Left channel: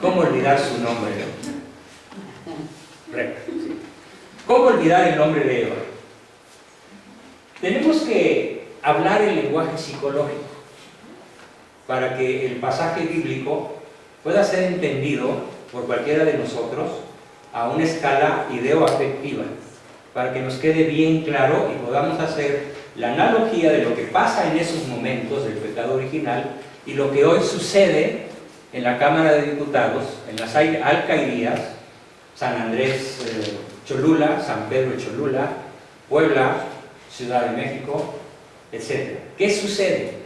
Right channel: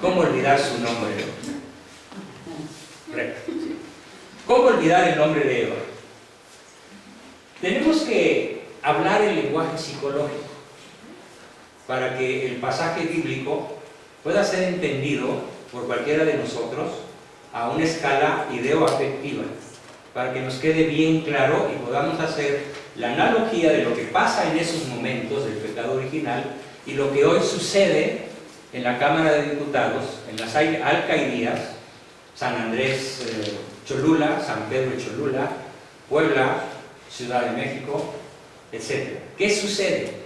¿Cómo olvidar su nombre? ¿Cómo olvidar el nombre de Eva? Tenemos que hablar el lenguaje psicológico para que el pasaje bíblico pueda ser entendido por cualquiera de nosotros a una escala ideo-afectiva, para que nos quede bien claro y podamos hacer la analogía de lo que pasa en esos momentos del pecado original y lo que hoy sucede en la Cámara de Diputados, en las alcaldías, San Andrés Cholula, San Pedro Cholula, Puebla, Ciudad de México, etc. ¿Qué sucede?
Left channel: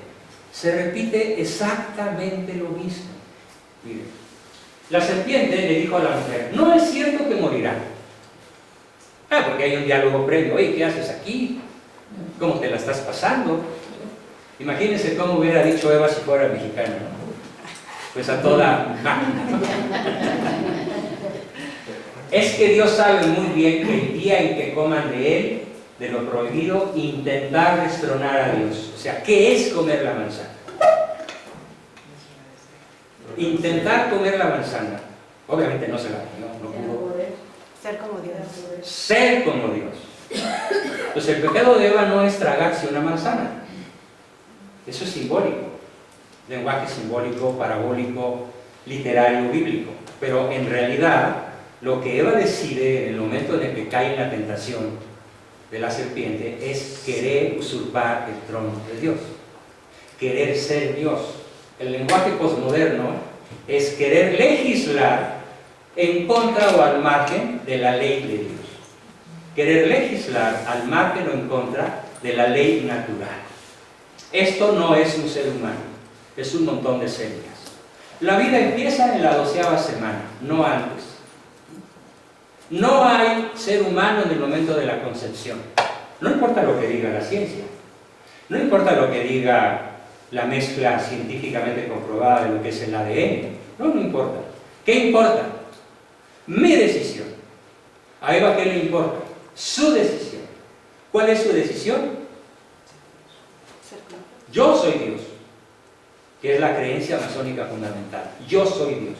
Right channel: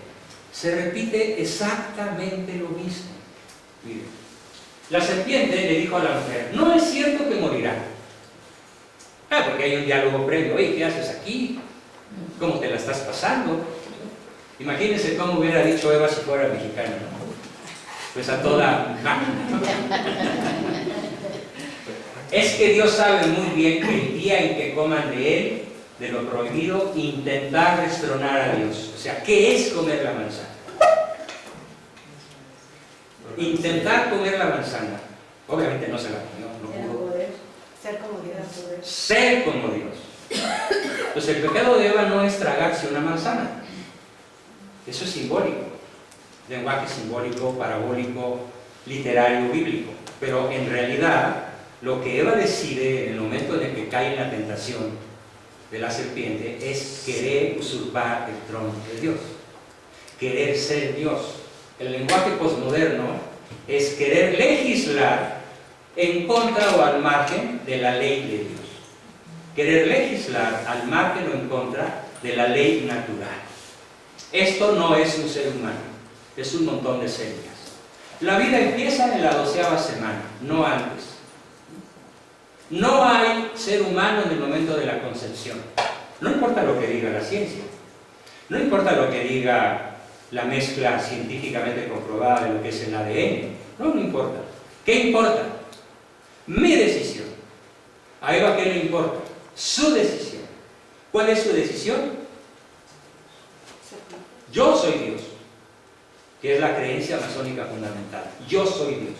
Se repite exactamente lo mismo. Miren, la serpiente le dijo a la mujer: no es cierto que morirá. Porque hay un diálogo previo. Oye, ¿qué haces aquí? ¿Cómo te la estás pasando? Imagínense cómo hubiera dicho Eva si fuera mexicana, ¿no? Pues a toda... Es que Dios sabe muy bien que el día en que coman de él, de lo prohibido, intentar destronar a Dios. O sea, ¿qué es comer la manzana? Intentar comer la manzana. Obviamente no se la comió, no pudo. Ser como Dios. Ser como Dios. Pues el pecado de Eva no es tragarse una manzana. Eso es simbólico. Lenguaje simbólico, parabólico, literario, bíblico. Pero en realidad, lo que Eva decide en el momento en el que cae en la tentación de la serpiente es querer usurpar el trono de Dios. Querer ser Dios. El lenguaje posmoderno es querer legislar en contra o al margen de la ley de Dios. Querer legislar al margen o en contra de la ley natural. Esto no es un ser humano, es un montón de células. La vida empieza en la 12ª semana, no antes. No hay ser humano en el momento de la concepción. No importa lo que diga la ciencia, no importa lo que diga la mezcla científicamente comprobada de lo que es el ADN. No importa. ¿Qué importa? Mi decisión. ¿A Eva qué le importa? Su decisión. ¿Cuál es su decisión? Yo soy Dios, que es la creencia masónica fundamental. Yo soy Dios.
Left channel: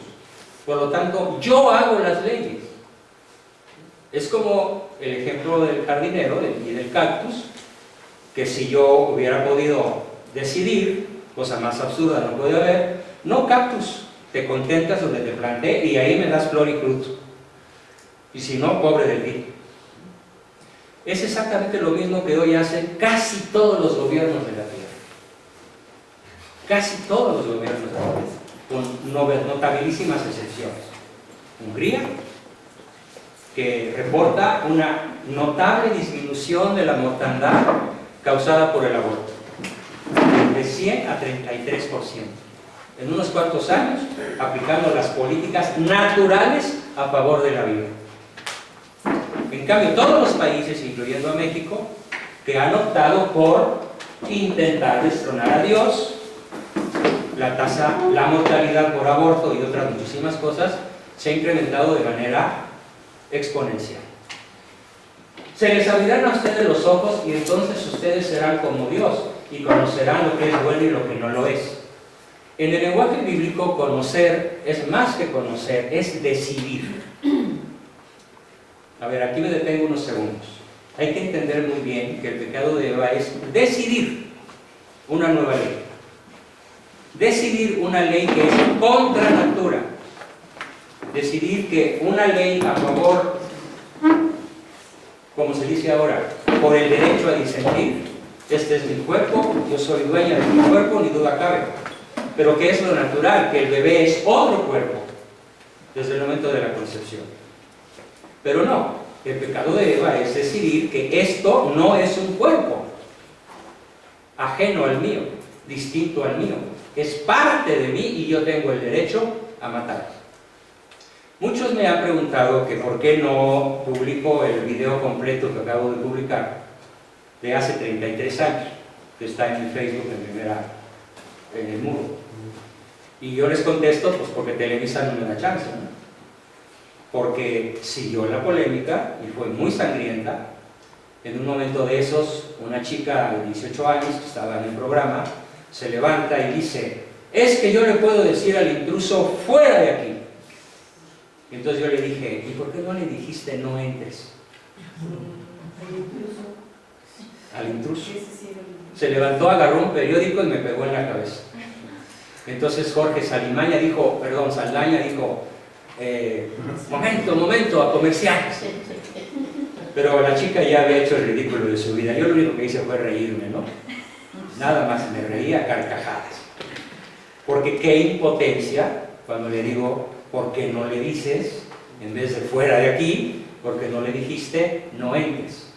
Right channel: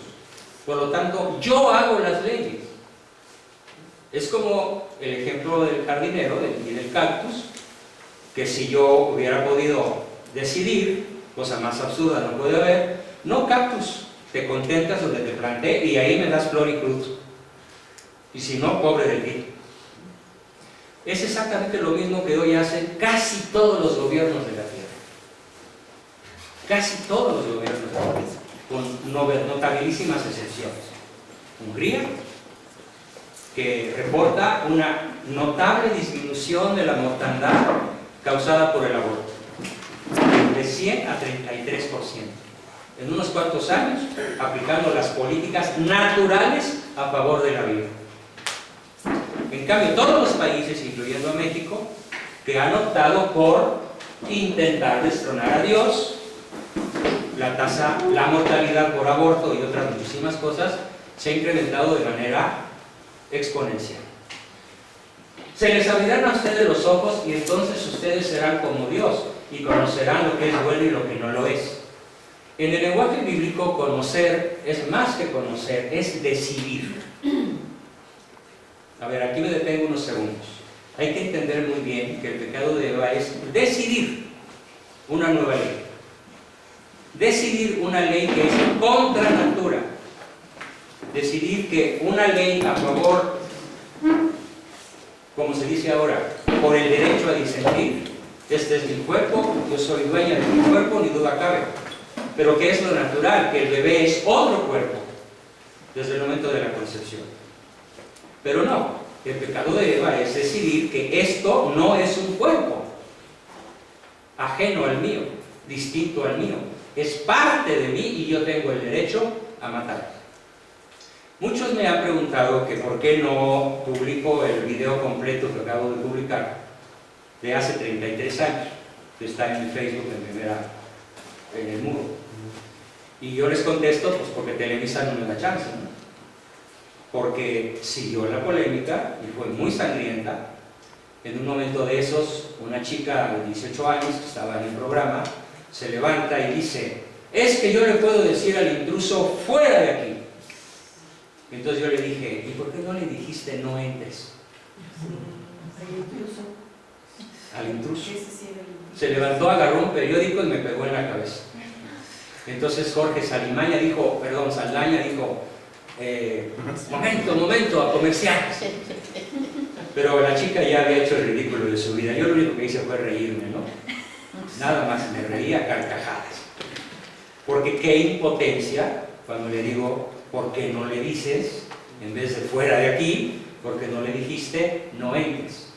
Por lo tanto, yo hago las leyes. Es como el ejemplo del jardinero y del cactus, que si yo hubiera podido decidir, cosa más absurda no puede haber, no cactus, te contentas donde te planté y ahí me das flor y fruto. Y si no, pobre de ti. Es exactamente lo mismo que hoy hacen casi todos los gobiernos de la tierra. Casi todos los gobiernos de la tierra, con notabilísimas excepciones. Hungría, que reporta una notable disminución de la mortandad causada por el aborto, de 100 a 33%. En unos cuantos años, aplicando las políticas naturales a favor de la vida. En cambio, todos los países, incluyendo a México, que han optado por intentar destronar a Dios, la mortalidad por aborto y otras muchísimas cosas, se ha incrementado de manera exponencial. Se les abrirán a ustedes los ojos y entonces ustedes serán como Dios y conocerán lo que es bueno y lo que no lo es. En el lenguaje bíblico, conocer es más que conocer, es decidir. A ver, aquí me detengo unos segundos. Hay que entender muy bien que el pecado de Eva es decidir una nueva ley. Decidir una ley que es contra natura. Decidir que una ley a favor, como se dice ahora, por el derecho a disentir. Este es mi cuerpo, yo soy dueña de mi cuerpo, ni duda cabe. Pero ¿qué es lo natural? Que el bebé es otro cuerpo desde el momento de la concepción. Pero no, el pecado de Eva es decidir que esto no es un cuerpo ajeno al mío, distinto al mío. Es parte de mí y yo tengo el derecho a matar. Muchos me han preguntado que por qué no publico el video completo que acabo de publicar de hace 33 años, que está en mi Facebook en el muro. Y yo les contesto, pues porque Televisa no me da chance, ¿no? Porque siguió la polémica y fue muy sangrienta. En un momento de esos, una chica de 18 años que estaba en el programa se levanta y dice: es que yo le puedo decir al intruso fuera de aquí. Entonces yo le dije, ¿y por qué no le dijiste no entres? Al intruso. Se levantó, agarró un periódico y me pegó en la cabeza. Entonces Jorge Saldaña dijo, momento, a comerciales. Pero la chica ya había hecho el ridículo de su vida. Yo lo único que hice fue reírme, ¿no? Nada más, me reía a carcajadas. Porque qué impotencia cuando le digo, ¿por qué no le dices, en vez de fuera de aquí, por qué no le dijiste, no entres?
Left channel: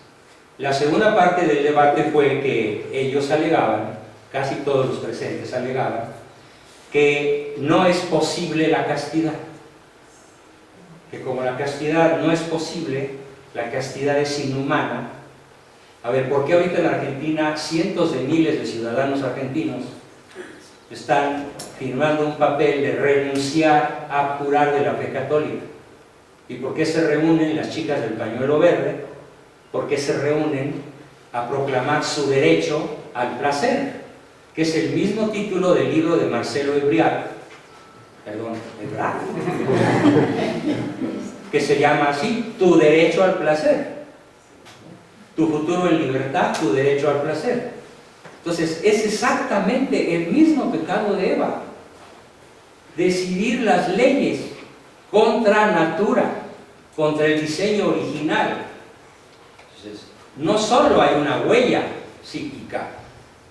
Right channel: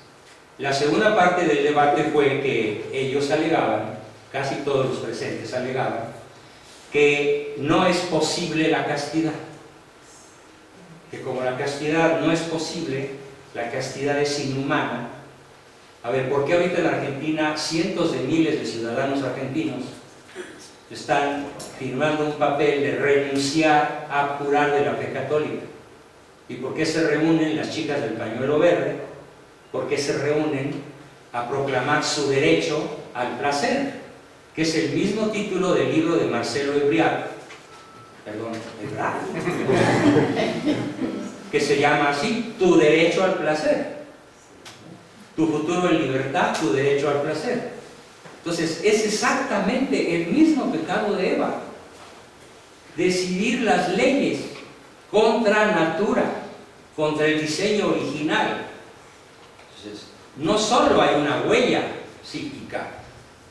La segunda parte del debate fue que ellos alegaban, casi todos los presentes alegaban, que no es posible la castidad. Que como la castidad no es posible, la castidad es inhumana. A ver, ¿por qué ahorita en Argentina cientos de miles de ciudadanos argentinos están firmando un papel de renunciar a curar de la fe católica? ¿Y por qué se reúnen las chicas del pañuelo verde? ¿Por qué se reúnen a proclamar su derecho al placer? Que es el mismo título del libro de Marcelo Ebrard, que se llama así, Tu derecho al placer. Tu futuro en libertad, tu derecho al placer. Entonces, es exactamente el mismo pecado de Eva. Decidir las leyes contra natura, contra el diseño original. Entonces, no solo hay una huella psíquica,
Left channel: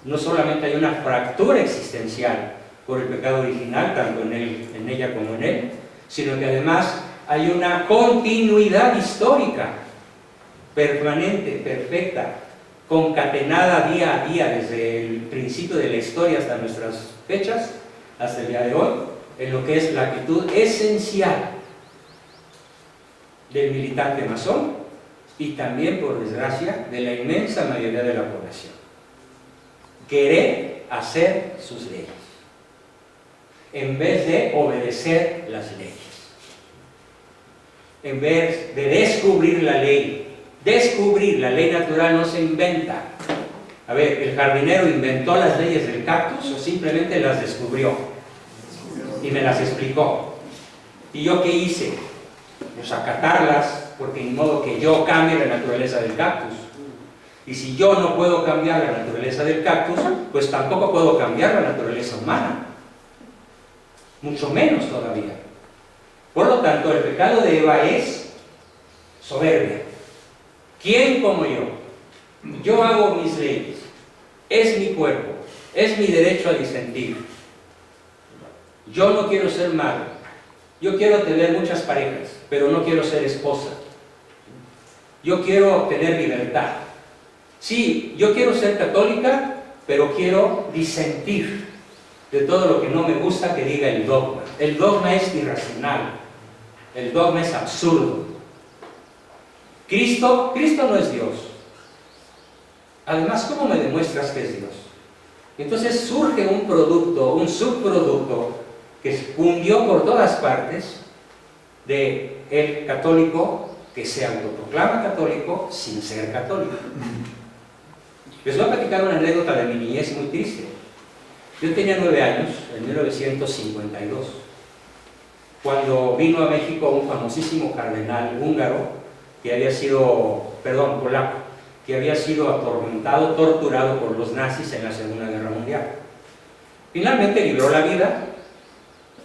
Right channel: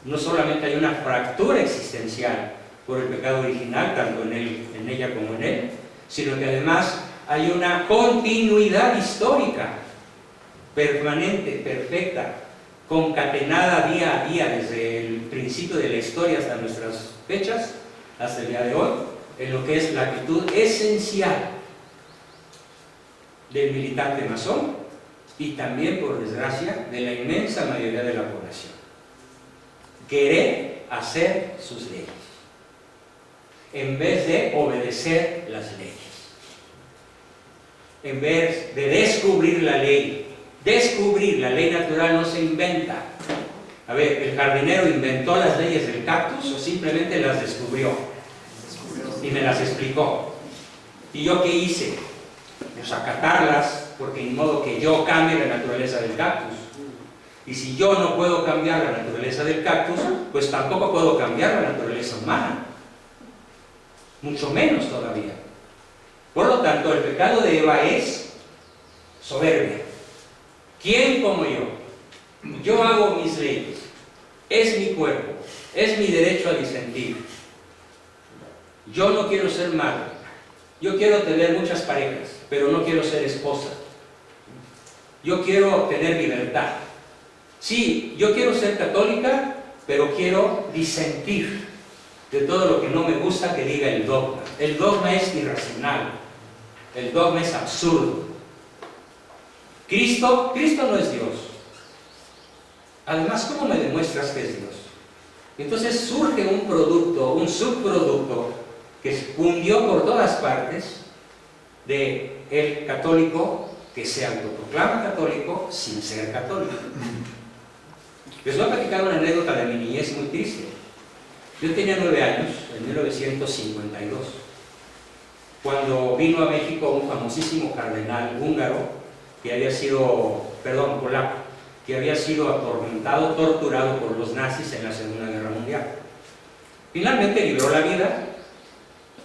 no solamente hay una fractura existencial por el pecado original, tanto en ella como en él, sino que además hay una continuidad histórica, permanente, perfecta, concatenada día a día, desde el principio de la historia hasta nuestras fechas, hasta el día de hoy, en lo que es la actitud esencial del militante masón y también, por desgracia, de la inmensa mayoría de la población. Querer hacer sus leyes en vez de obedecer las leyes, en vez de descubrir la ley. Descubrir la ley natural no se inventa. A ver, ¿el jardinero inventó las leyes del cactus o simplemente las descubrió? Y me las explicó. ¿Y yo qué hice? Pues acatarlas, porque ni modo que yo cambie la naturaleza del cactus. Y si yo no puedo cambiar la naturaleza del cactus, pues tampoco puedo cambiar la naturaleza humana. Mucho menos todavía. Por lo tanto, el pecado de Eva es soberbia. ¿Quién como yo? Yo hago mis leyes. Es mi cuerpo. Es mi derecho a disentir. Yo no quiero ser madre. Yo quiero tener muchas parejas, pero no quiero ser esposa. Yo quiero tener libertad. Sí, yo quiero ser católica, pero quiero disentir de todo lo que no me gusta que diga el dogma. El dogma es irracional. El dogma es absurdo. Cristo no es Dios. Además, ¿cómo me demuestras que es Dios? Entonces surge un producto, un subproducto que cundió por todas partes de el católico que se autoproclama católico sin ser católico. Les voy a platicar una anécdota de mi niñez muy triste. Yo tenía 9 años, en 1952, cuando vino a México un famosísimo cardenal húngaro, que había sido, polaco, que había sido atormentado, torturado por los nazis en la Segunda Guerra Mundial. Finalmente libró la vida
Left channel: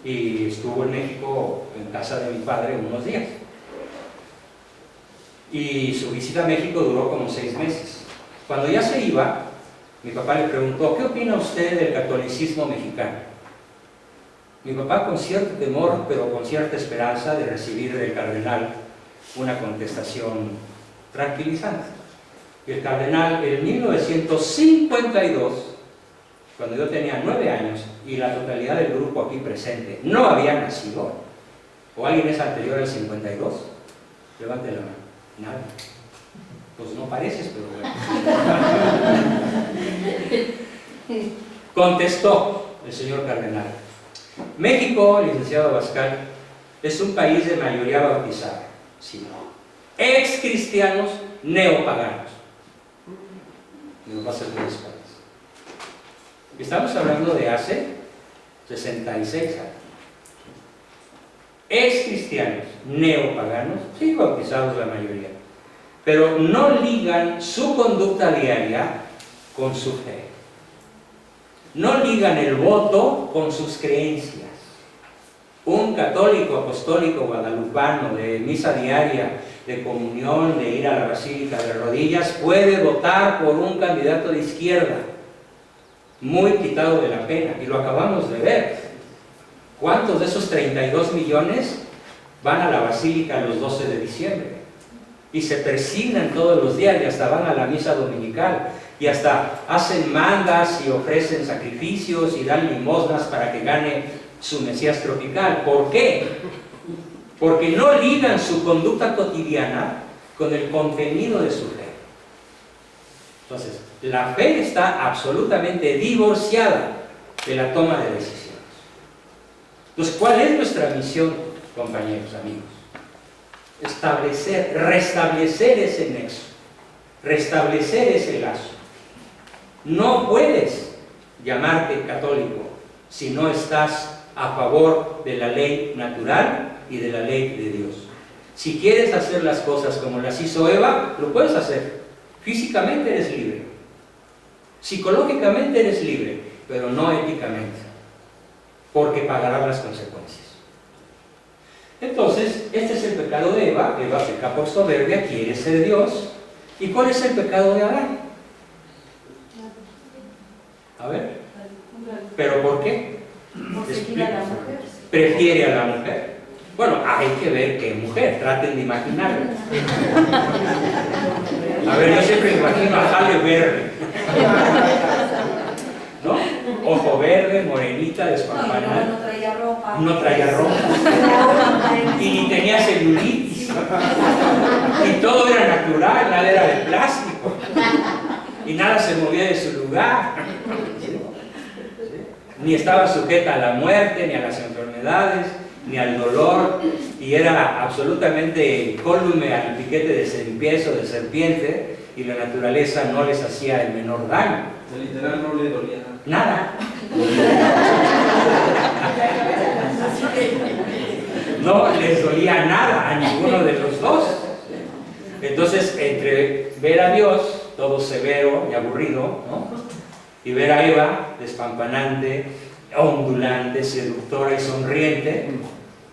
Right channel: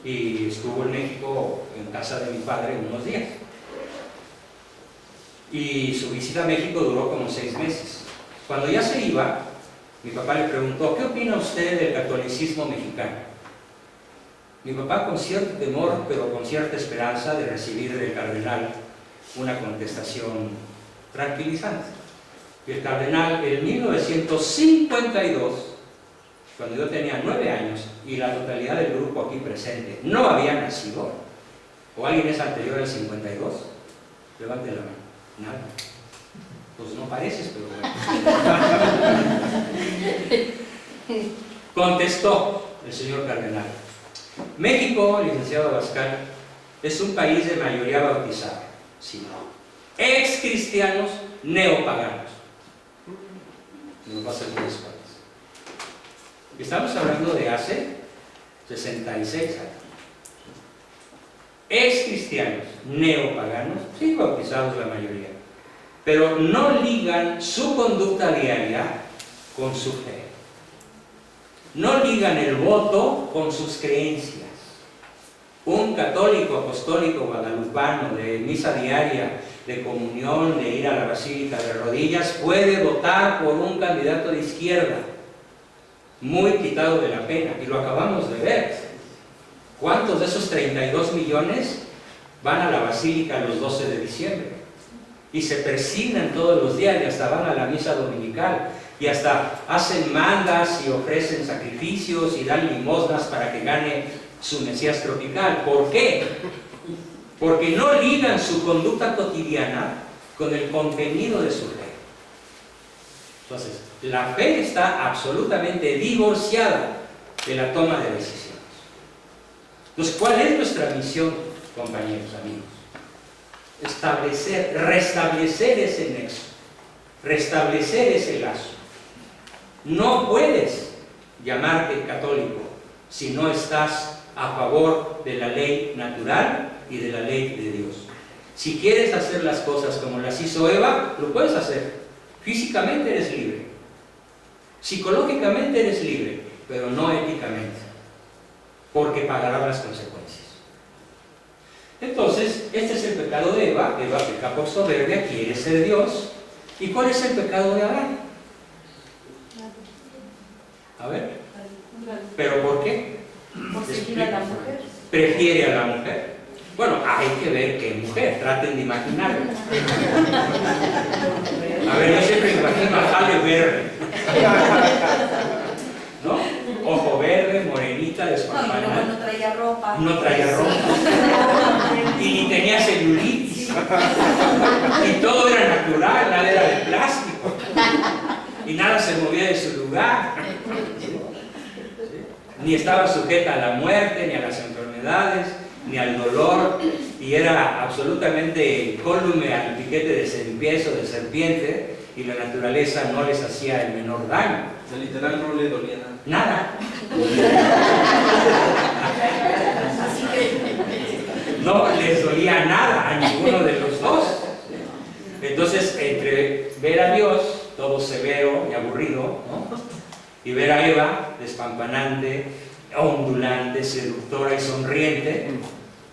y estuvo en México, en casa de mi padre, unos días. Y su visita a México duró como 6 meses. Cuando ya se iba, mi papá le preguntó, ¿qué opina usted del catolicismo mexicano? Mi papá, con cierto temor, pero con cierta esperanza de recibir del cardenal una contestación tranquilizante. Y el cardenal, en 1952, cuando yo tenía 9 años y la totalidad del grupo aquí presente no había nacido, o alguien es anterior al 52, levante la mano. Nada. Pues no pareces, pero bueno. Contestó el señor cardenal: México, licenciado Abascal, es un país de mayoría bautizada, sí, ex cristianos neopaganos. Nos va a hacer muy espaldas. Estamos hablando de hace 66 años. ex cristianos, neopaganos, sí bautizados la mayoría, pero no ligan su conducta diaria con su fe. No ligan el voto con sus creencias. Un católico apostólico guadalupano de misa diaria, de comunión, de ir a la basílica de rodillas, puede votar por un candidato de izquierda, muy quitado de la pena, y lo acabamos de ver. ¿Cuántos de esos 32 millones van a la basílica los 12 de diciembre? Y se persignan todos los días y hasta van a la misa dominical y hasta hacen mandas y ofrecen sacrificios y dan limosnas para que gane su Mesías tropical. ¿Por qué? Porque no ligan su conducta cotidiana con el contenido de su fe. Entonces, la fe está absolutamente divorciada de la toma de decisiones. Entonces, ¿cuál es nuestra misión, compañeros, amigos? Restablecer ese nexo, restablecer ese lazo. No puedes llamarte católico si no estás a favor de la ley natural y de la ley de Dios. Si quieres hacer las cosas como las hizo Eva, lo puedes hacer. Físicamente eres libre, psicológicamente eres libre, pero no éticamente, porque pagarás las consecuencias. Entonces, este es el pecado de Eva. Eva peca por soberbia, quiere ser Dios. ¿Y cuál es el pecado de Adán? A ver, ¿pero por qué? Prefiere a la mujer. Bueno, hay que ver qué mujer, traten de imaginarlo. A ver, yo siempre imagino a Halle Berry, ¿no? Ojo verde, morenita, despampanada. No traía ropa. No traía ropa. Y ni tenía celulitis. Y todo era natural, nada era de plástico. Y nada se movía de su lugar. Ni estaba sujeta a la muerte, ni a las enfermedades, ni al dolor. Y era absolutamente incólume al piquete de serpiente, de serpiente, y la naturaleza no les hacía el menor daño. O sea, literal no le dolía nada. Nada. No les dolía nada a ninguno de los dos. Entonces, entre ver a Dios, todo severo y aburrido, ¿no?, y ver a Eva, despampanante, ondulante, seductora y sonriente,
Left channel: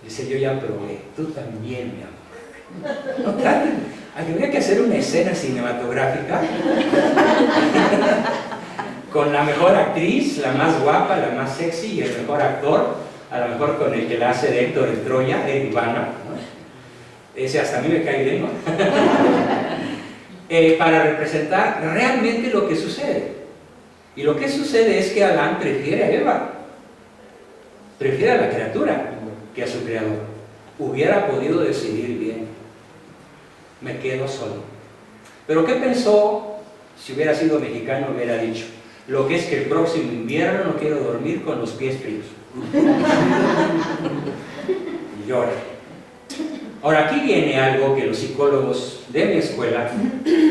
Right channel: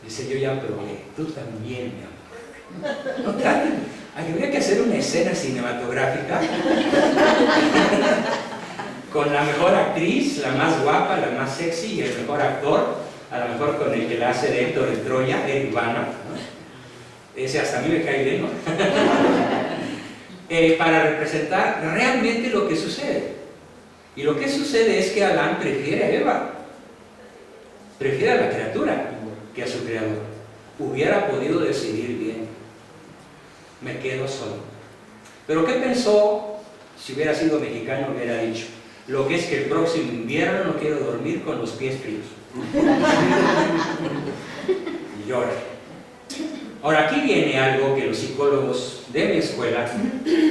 dice: yo ya probé, tú también, mi amor. No traten. Habría que hacer una escena cinematográfica con la mejor actriz, la más guapa, la más sexy, y el mejor actor, a lo mejor con el que la hace de Héctor en Troya, Eric Bana, ¿no? Ese hasta a mí me cae bien, ¿no? Para representar realmente lo que sucede. Y lo que sucede es que Adán prefiere a Eva, prefiere a la criatura que a su creador. Hubiera podido decidir bien: me quedo solo. Pero ¿qué pensó? Si hubiera sido mexicano, hubiera dicho: lo que es que el próximo invierno no quiero dormir con los pies fríos. Y llora. Ahora, aquí viene algo que los psicólogos de mi escuela,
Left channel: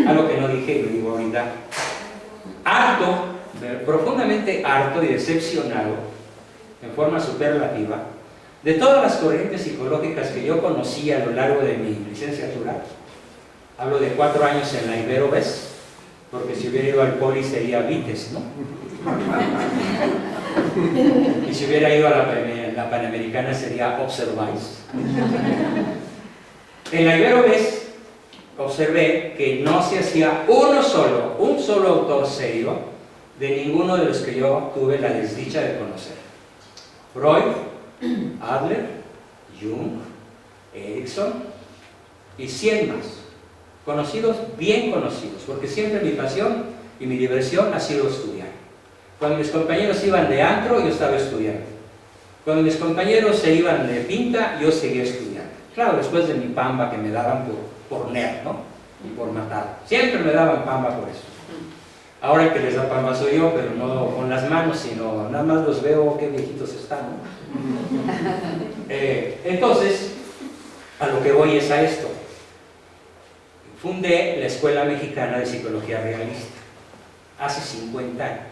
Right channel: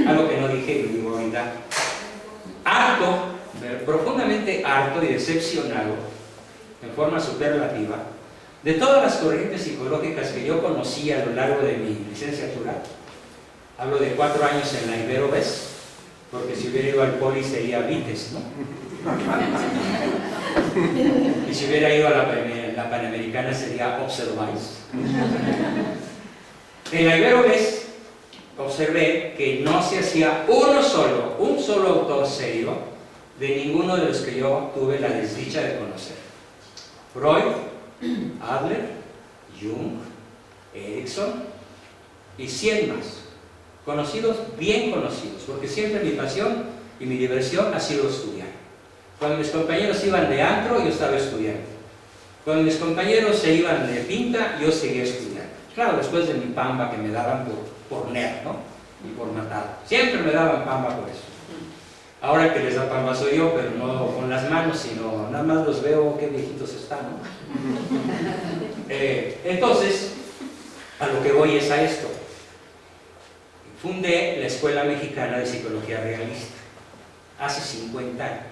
algo que no dije y lo digo ahorita: harto, profundamente harto y decepcionado, en forma superlativa, de todas las corrientes psicológicas que yo conocí a lo largo de mi licenciatura. Hablo de 4 años en la Ibero Bes, porque si hubiera ido al Poli sería Vites, ¿no? Y si hubiera ido a la Panamericana sería Observais. En la Ibero Bes observé que no se hacía un solo autor serio de ninguno de los que yo tuve la desdicha de conocer. Freud, Adler, Jung, Erikson y 100 más. Conocidos, bien conocidos, porque siempre mi pasión y mi diversión ha sido estudiar. Cuando mis compañeros iban de antro, yo estaba estudiando. Cuando mis compañeros se iban de pinta, yo seguía estudiando. Claro, después de mi pamba que me daban por nerd, ¿no? Y por matar. Siempre me daban pamba por eso. Ahora el que les da pamba soy yo, pero no con las manos, sino nada más los veo, qué viejitos están, ¿no? Entonces, a lo que voy es a esto. Fundé la Escuela Mexicana de Psicología Realista hace 50 años.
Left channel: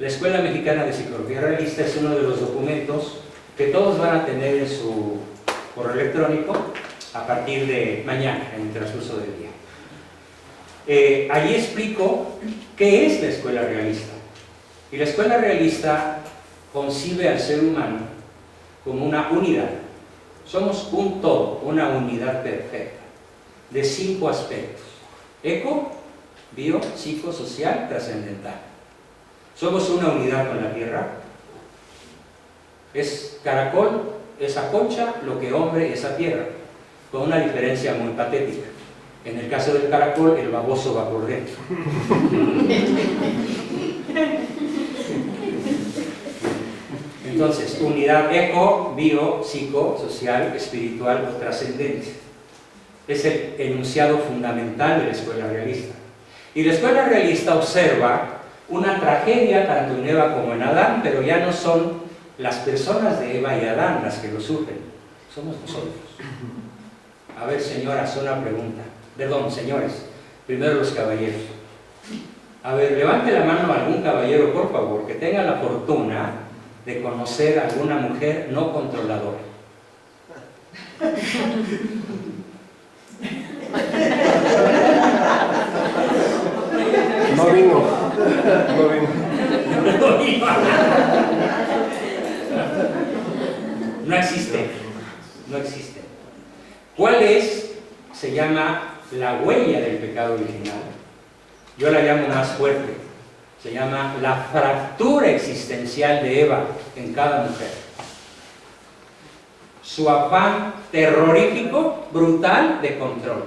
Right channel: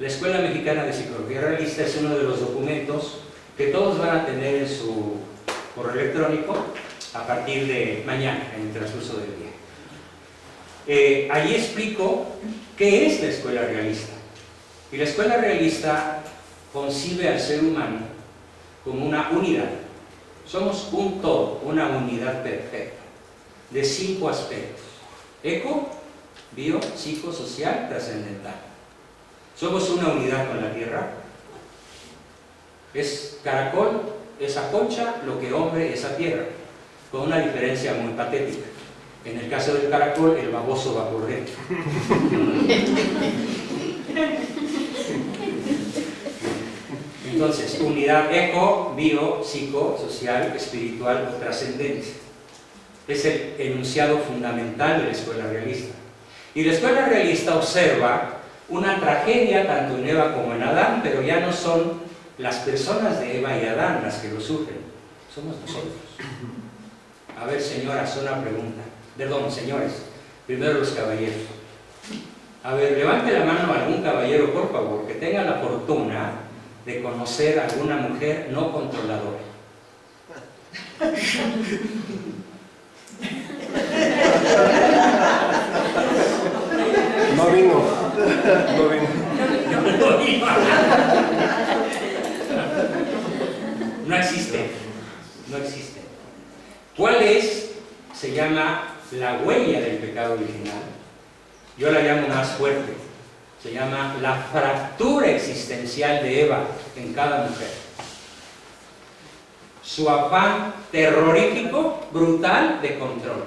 La Escuela Mexicana de Psicología Realista es uno de los documentos que todos van a tener en su correo electrónico a partir de mañana, en el transcurso del día. Allí explico qué es la escuela realista. Y la escuela realista concibe al ser humano como una unidad. Somos un todo, una unidad perfecta, de 5 aspectos: eco, bio, psico, social, trascendental. Somos una unidad con la tierra. Es caracol, esa concha, lo que hombre, esa tierra, con una diferencia muy patética. En el caso del caracol, el baboso va por dentro. Entonces, unidad eco, bio, psico, social, espiritual o trascendente. Es el enunciado fundamental de la escuela realista. Y la escuela realista observa una tragedia tanto en Eva como en Adán, pero ya no son las personas de Eva y Adán las que lo sufren, somos nosotros. A ver, señoras, una pregunta. Perdón, señores, primero los caballeros. A ver, levante la mano a algún caballero, por favor, que tenga la fortuna de conocer a alguna mujer no controladora. No vino. No vino. No existe. No existe. ¿Cuál es? Se llama la huella del pecado original. Yo la llamo más fuerte. Se llama la fractura existencial de Eva en cada mujer. Su afán terrorífico, brutal, de control.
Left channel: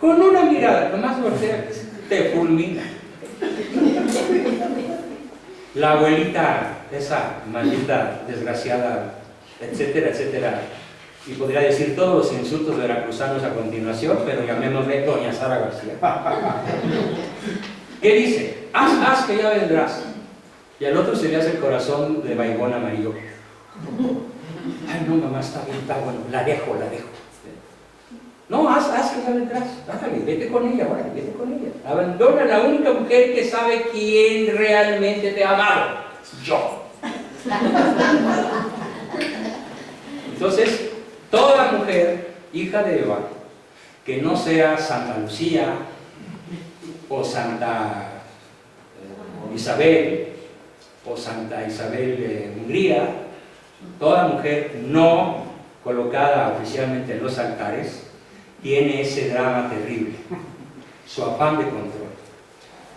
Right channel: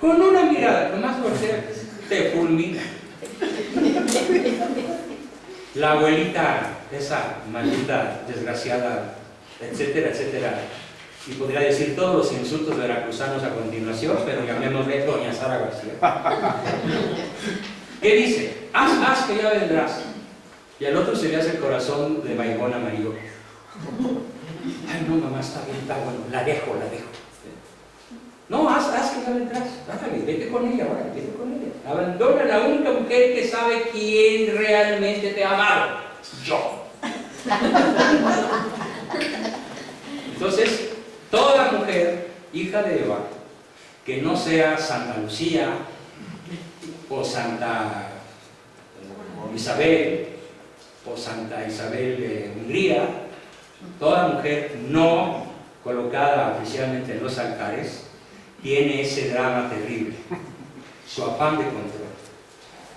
Con una mirada, nomás voltea, te fulmina. La abuelita, esa maldita, desgraciada, etcétera, etcétera, y podría decir todos los insultos veracruzanos a continuación, pero llamémosle doña Sara García. ¿Qué dice? Haz que ya vendrás. Y al otro se le hace el corazón de vaivón amarillo. Ay, no, mamá, está bien, está bueno, la dejo. No, haz que ya vendrás. Ándale, vete con ella, ahora, vete con ella. Abandona a la única mujer que sabe quién realmente te ha amado. Yo. Entonces, toda mujer, hija de Eva, que no sea Santa Lucía o Santa Isabel o Santa Isabel de Hungría, toda mujer no colocada oficialmente en los altares, tiene ese drama terrible, su afán de control.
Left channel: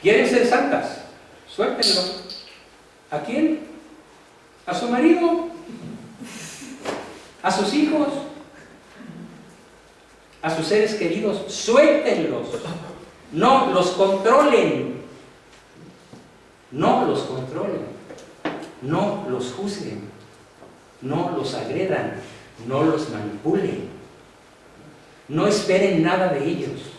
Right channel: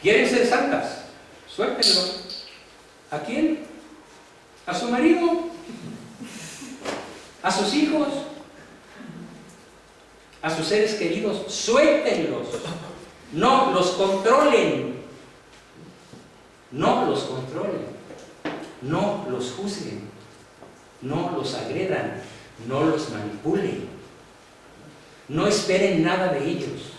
¿Quieren ser santas? Suéltenlo. ¿A quién? ¿A su marido? ¿A sus hijos? ¿A sus seres queridos? Suéltenlos. No los controlen. No los controlen. No los juzguen. No los agredan. No los manipulen. No esperen nada de ellos.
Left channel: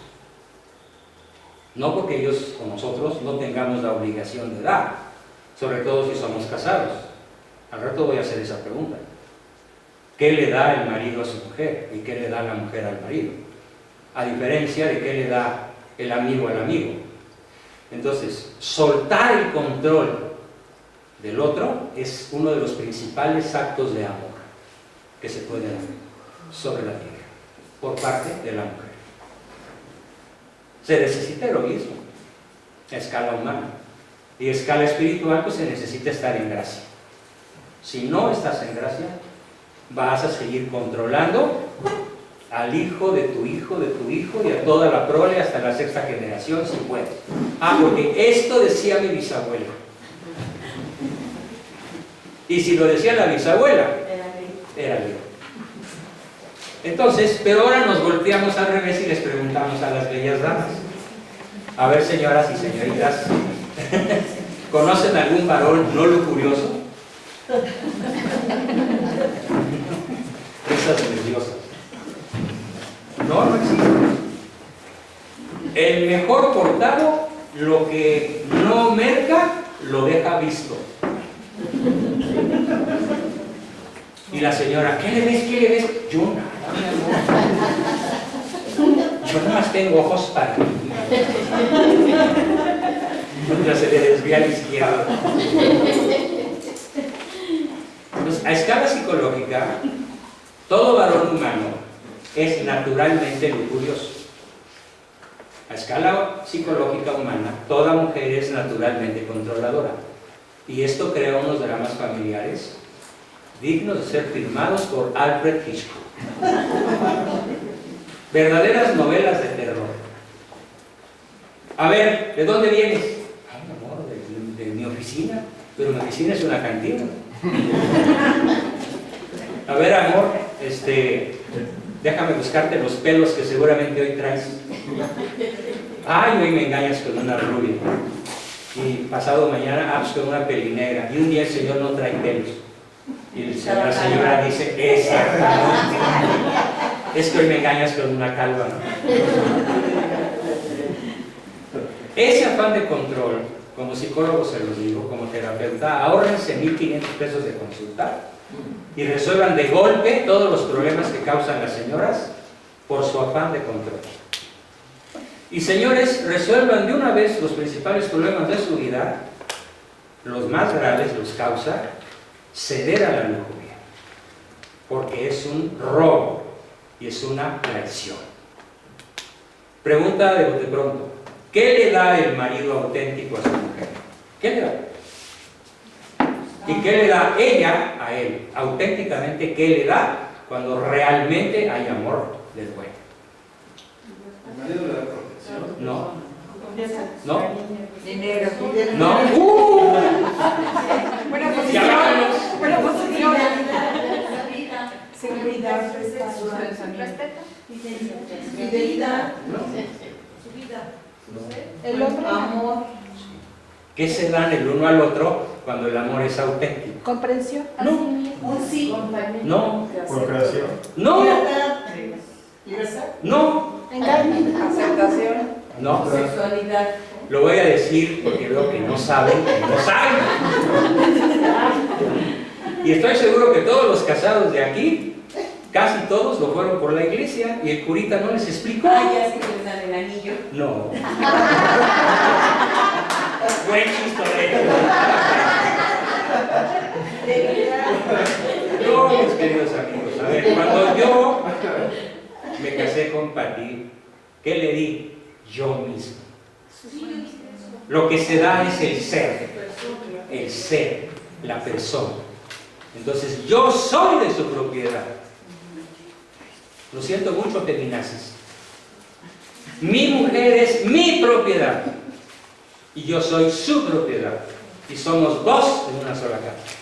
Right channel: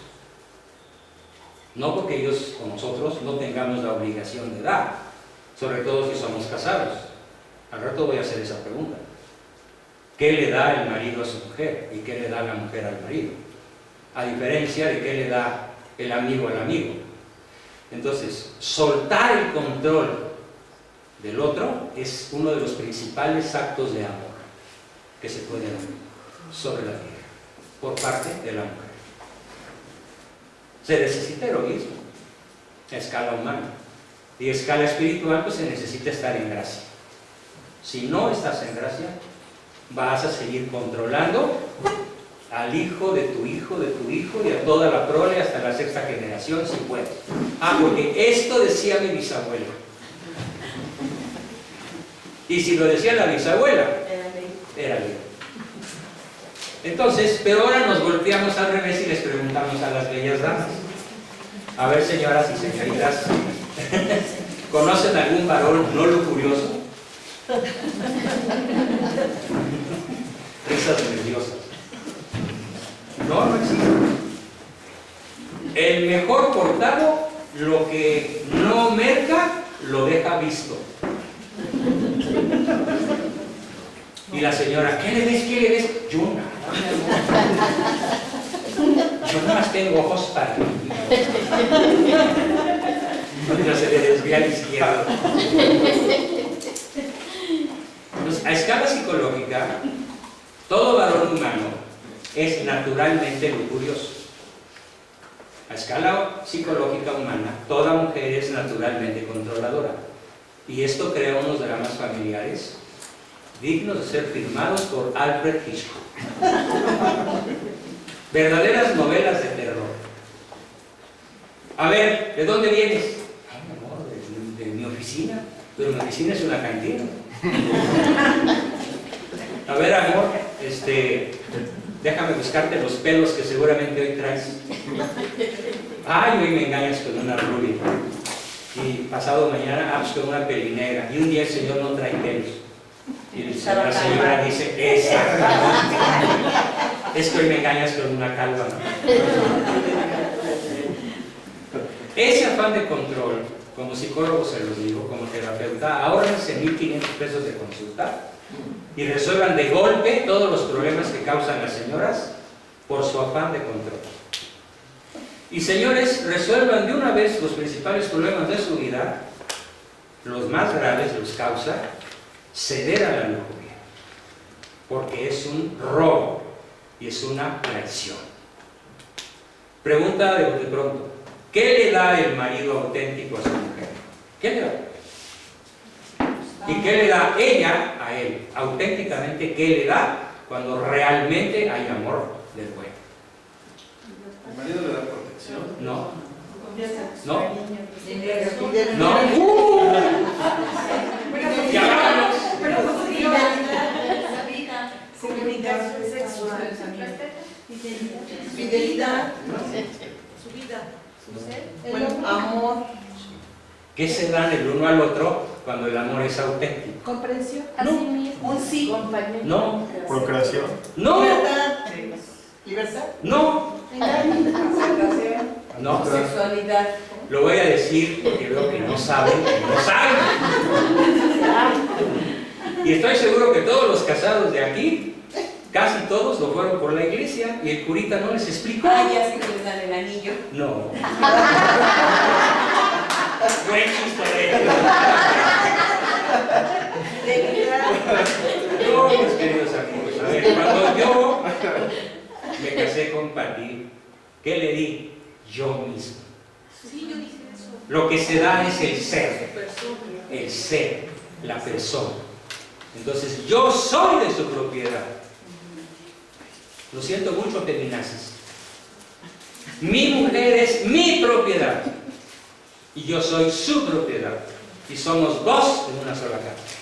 No porque ellos o nosotros no tengamos la obligación de dar, sobre todo si somos casados. Al rato voy a hacer esa pregunta. ¿Qué le da el marido a su mujer? ¿Y qué le da la mujer al marido? A diferencia de qué le da el amigo al amigo. Entonces, soltar el control del otro es uno de los principales actos de amor que se puede dar sobre la tierra por parte de la mujer. Se necesita heroísmo a escala humana, y a escala espiritual pues se necesita estar en gracia. Si no estás en gracia, vas a seguir controlando al hijo de tu hijo, de tu hijo, y a toda la prole hasta la 6ª generación si puedes. Porque esto decía mi bisabuela. Y si lo decía la bisabuela, era ley. Entonces, pero ahora nos volteamos al revés y les preguntamos a las bellas damas. A ver, señoras y señoritas, ¿conocen algún varón no lujurioso? Risas nerviosas. No existe. El mejor portado, lo que no merca, lo deja visto. Y la señora, ¿qué le ves? ¿Qué le ves? Yo nada, mi amor. Yo nada más tengo ojos para ti. Ya se le desvía a la izquierda. Entonces, a escala psicológica, es naturalmente lujurioso. A escala psicológica humana, toda mujer es naturalmente controladora. Y esto crea unos dramas familiares dignos de ser firmados por Alfred Hitchcock. Verdaderas novelas de terror. A ver, ¿de dónde vienes? Ay, amor, de mi oficina. Pero mi oficina es una cantina. A ver, amor, déjame buscarte los pelos que seguramente hoy traes. Ay, hoy me engañas con una rubia. Y pasado mañana, pues con una pelinegra. Y un día el señor no trae pelos. Y la señora dice, exactamente. Es que hoy me engañas con una calva, ¿no? Ese afán de control, como psicólogo se los digo, como terapeuta, ahórrense 1,500 pesos de consulta y resuelvan de golpe todos los problemas que causan las señoras por su afán de control. Y señores, resuelvan de una vez los principales problemas de su vida. Los más graves los causa ceder a la lujuria, porque es un robo y es una traición. Pregunta de bote pronto: ¿qué le da el marido auténtico a su mujer? ¿Qué le da? ¿Y qué le da ella a él? Auténticamente, ¿qué le da cuando realmente hay amor del bueno? ¿El marido le da protección? No. No. Dinero. No. Ya vámonos. Seguridad. Fidelidad. El amor. ¿Qué se dan el uno al otro cuando el amor es auténtico? Comprensión. No. Un sí. No. Procreación. No. Libertad. Libertad. No. Aceptación. No. Sexualidad. Lo voy a decir porque veo que no saben, Y estoy seguro que todos los casados de aquí, casi todos lo fueron por la iglesia y el curita no les explicó. Ah, ya sí que les dan el anillo. No. Buen chistorete. No, mis queridos amigos, a ver, cuando yo me casé con Pati, ¿qué le di? Yo mismo. Lo que se da es el ser, la persona. Entonces, yo soy de su propiedad. Lo siento mucho, feminazis. Mi mujer es mi propiedad y yo soy su propiedad. Y somos dos en una sola casa.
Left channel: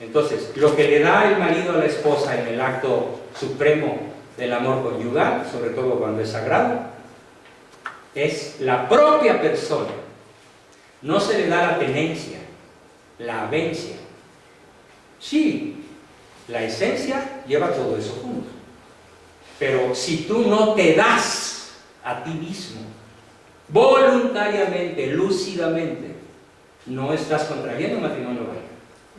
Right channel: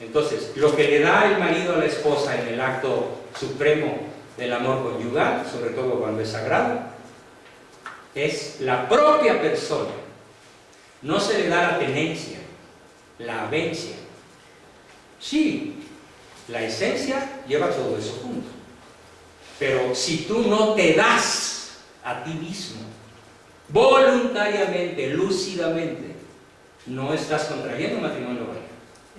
Entonces, lo que le da el marido a la esposa en el acto supremo del amor conyugal, sobre todo cuando es sagrado, es la propia persona. No se le da la tenencia, la avencia. Sí, la esencia lleva todo eso junto. Pero si tú no te das a ti mismo, voluntariamente, lúcidamente, no estás contrayendo un matrimonio válido.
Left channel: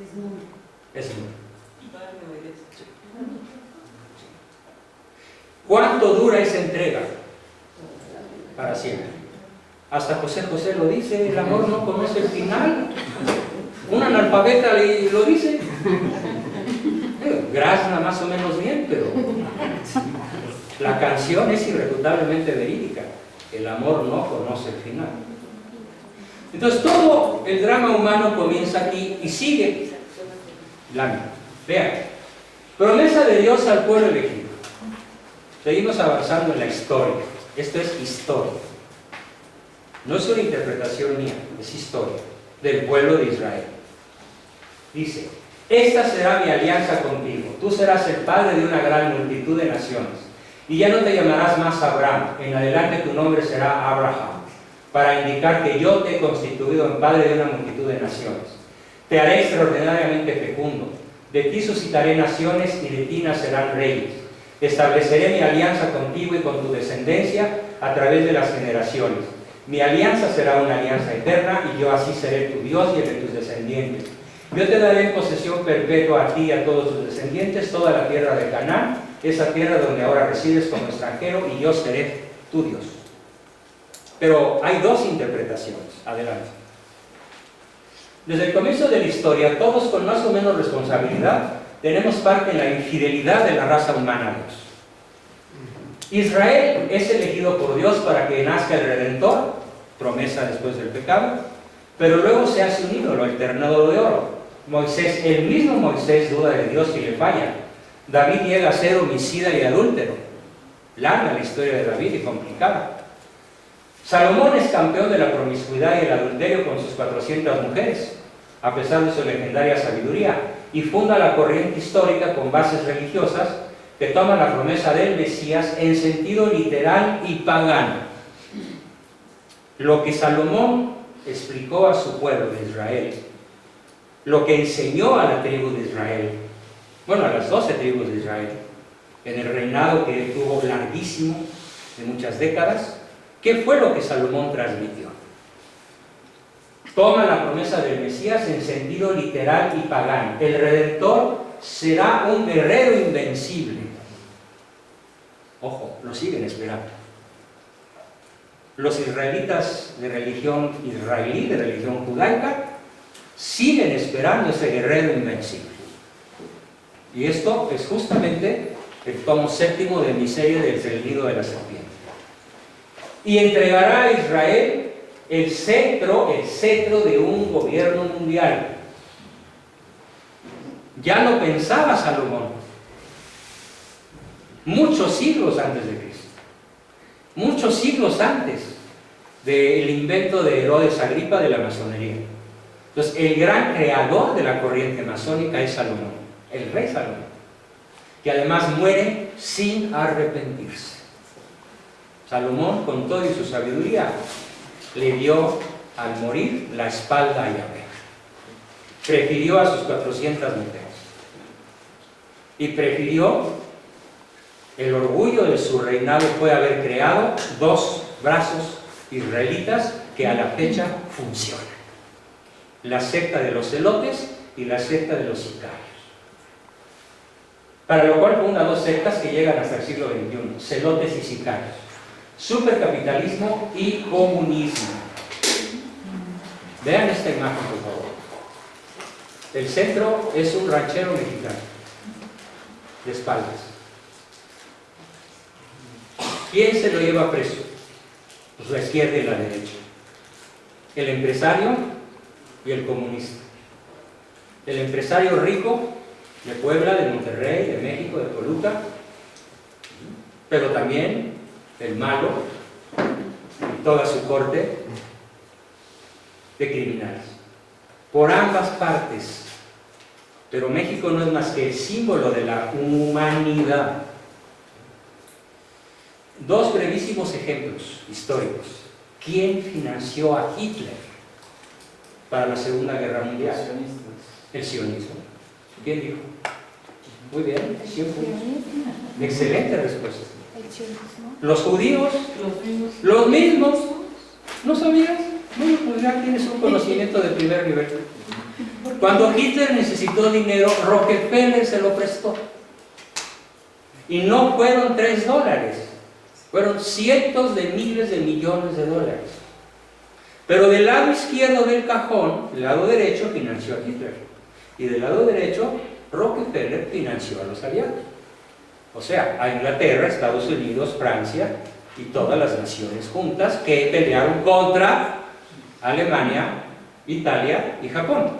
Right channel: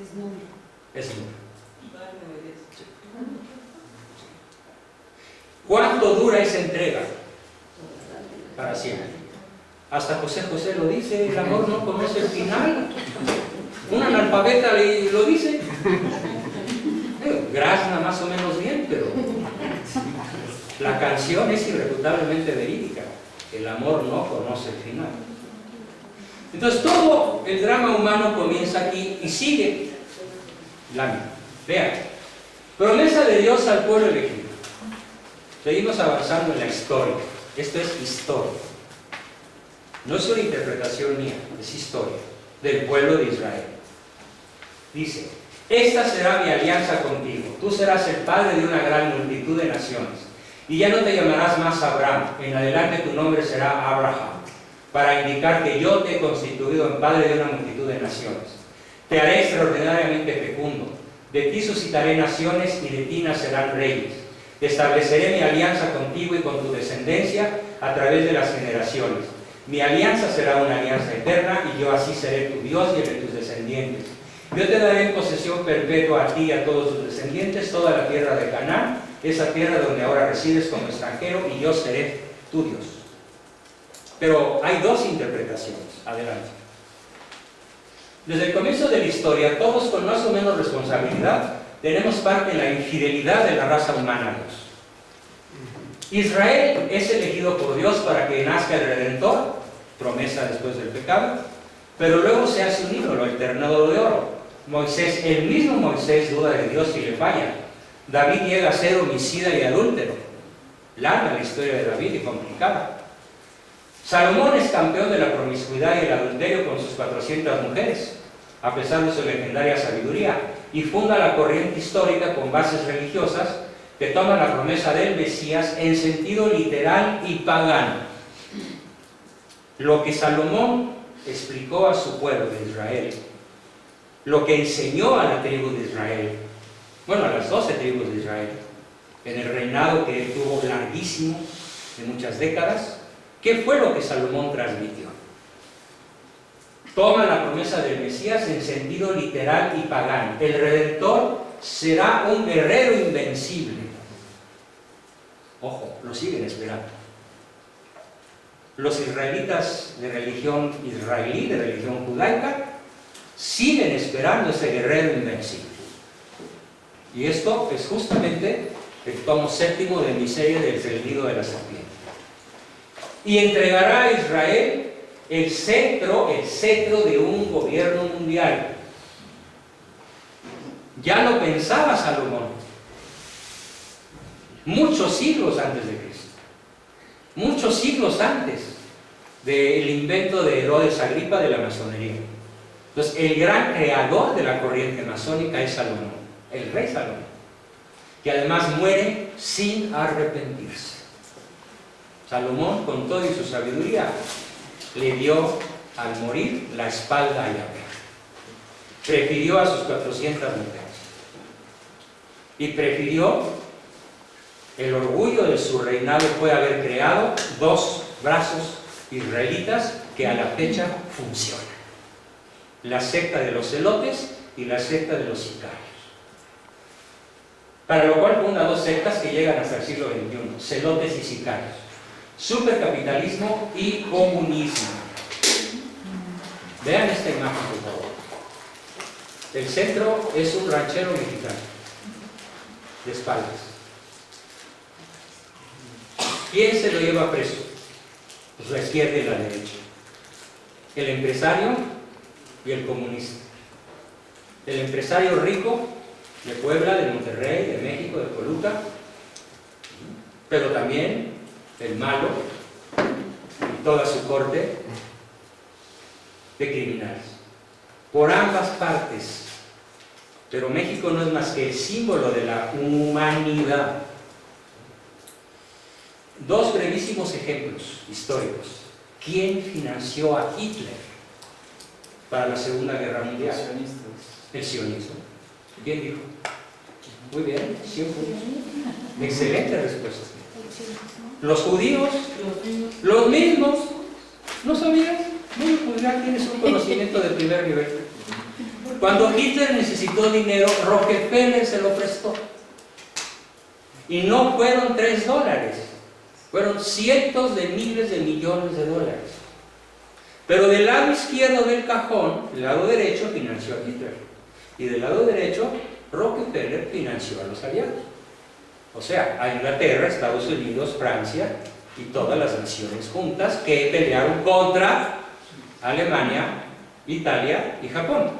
Es nulo. Es nulo. ¿Cuánto dura esa entrega? Para siempre. Hasta José José lo dice, el amor no conoce el final. Un analfabeta lo dice. Grazna más o menos bien, pero la canción es irrefutablemente verídica. El amor no conoce el final. Entonces todo el drama humano comienza aquí y sigue. Vean, promesa de Dios al pueblo elegido. Seguimos avanzando en la historia. Esto es historia. No es una interpretación mía, es historia del pueblo de Israel. Dice: esta será mi alianza contigo. Tú serás el padre de una gran multitud de naciones. Y ya no te llamarás más Abraham. En adelante tu nombre será Abraham, para indicar que yo te he constituido en padre de una multitud de naciones. Te haré extraordinariamente fecundo. De ti suscitaré naciones y de ti nacerán reyes. Estableceré mi alianza contigo y con tu descendencia a través de las generaciones. Mi alianza será una alianza eterna y yo así seré tu Dios y el de tus descendientes. Yo te daré en posesión perpetua a ti y a todos tus descendientes toda la tierra de Canaán, esa tierra donde ahora resides como extranjero, y yo seré tu Dios. Pero hay dos interpretaciones. Adelante. Desde el comienzo de la historia, todos con más o menos responsabilidad tenemos parte en la infidelidad de la raza humana a Dios. Israel es elegido por Dios para que nazca el Redentor, promesa después del pecado, pero luego se hace un ídolo, el ternero de oro. Moisés, el mismo Moisés duda de Dios y le falla. David llega a ser homicida y adúltero. Larga la historia de David y complicada. Salomón es campeón de la promiscuidad y el adulterio con sus 400 mujeres, a pesar de su legendaria sabiduría, y funda la corriente histórica con bases religiosas que toma la promesa del Mesías en sentido literal y pagano. Lo que Salomón explicó a su pueblo de Israel, lo que enseñó a la tribu de Israel, bueno, a las 12 tribus de Israel, en el reinado que él tuvo larguísimo, de muchas décadas, ¿qué fue lo que Salomón transmitió? Toma la promesa del Mesías en sentido literal y pagano. El Redentor será un guerrero invencible. Ojo, lo siguen esperando. Los israelitas de religión israelí, de religión judaica, siguen esperando ese guerrero invencible. Y esto es justamente el tomo 7 de mi serie del nido de la serpiente. Y entregará a Israel el cetro de un gobierno mundial. Ya lo pensaba Salomón, muchos siglos antes de Cristo, muchos siglos antes del invento de Herodes Agripa de la masonería. Entonces, el gran creador de la corriente masónica es Salomón, el rey Salomón, que además muere sin arrepentirse. Salomón, con toda su sabiduría, le dio al morir la espalda a Yahvé. Prefirió a sus 400 mujeres. Y prefirió, el orgullo de su reinado fue haber creado 2 brazos israelitas que a la fecha funcionan. La secta de los celotes y la secta de los sicarios. Para lo cual funda 2 sectas que llegan hasta el siglo XXI, celotes y sicarios. Supercapitalismo y comunismo. Vean esta imagen, por favor. El centro es un ranchero mexicano, de espaldas. ¿Quién se lo lleva preso? Pues la izquierda y la derecha. El empresario y el comunista. El empresario rico de Puebla, de Monterrey, de México, de Toluca, pero también el malo y toda su corte de criminales. Por ambas partes. Pero México no es más que el símbolo de la humanidad. 2 brevísimos ejemplos históricos. ¿Quién financió a Hitler para la Segunda Guerra Mundial? El sionismo. ¿Quién dijo? Muy bien, 100 puntos. Excelente respuesta. Los judíos, los mismos. ¿No sabías? Bueno, pues ya tienes un conocimiento de primer nivel. Cuando Hitler necesitó dinero, Rockefeller se lo prestó. Y no fueron $3, fueron cientos de miles de millones de dólares. Pero del lado izquierdo del cajón, el lado derecho financió a Hitler. Y del lado derecho, Rockefeller financió a los aliados. O sea, a Inglaterra, Estados Unidos, Francia y todas las naciones juntas que pelearon contra Alemania, Italia y Japón.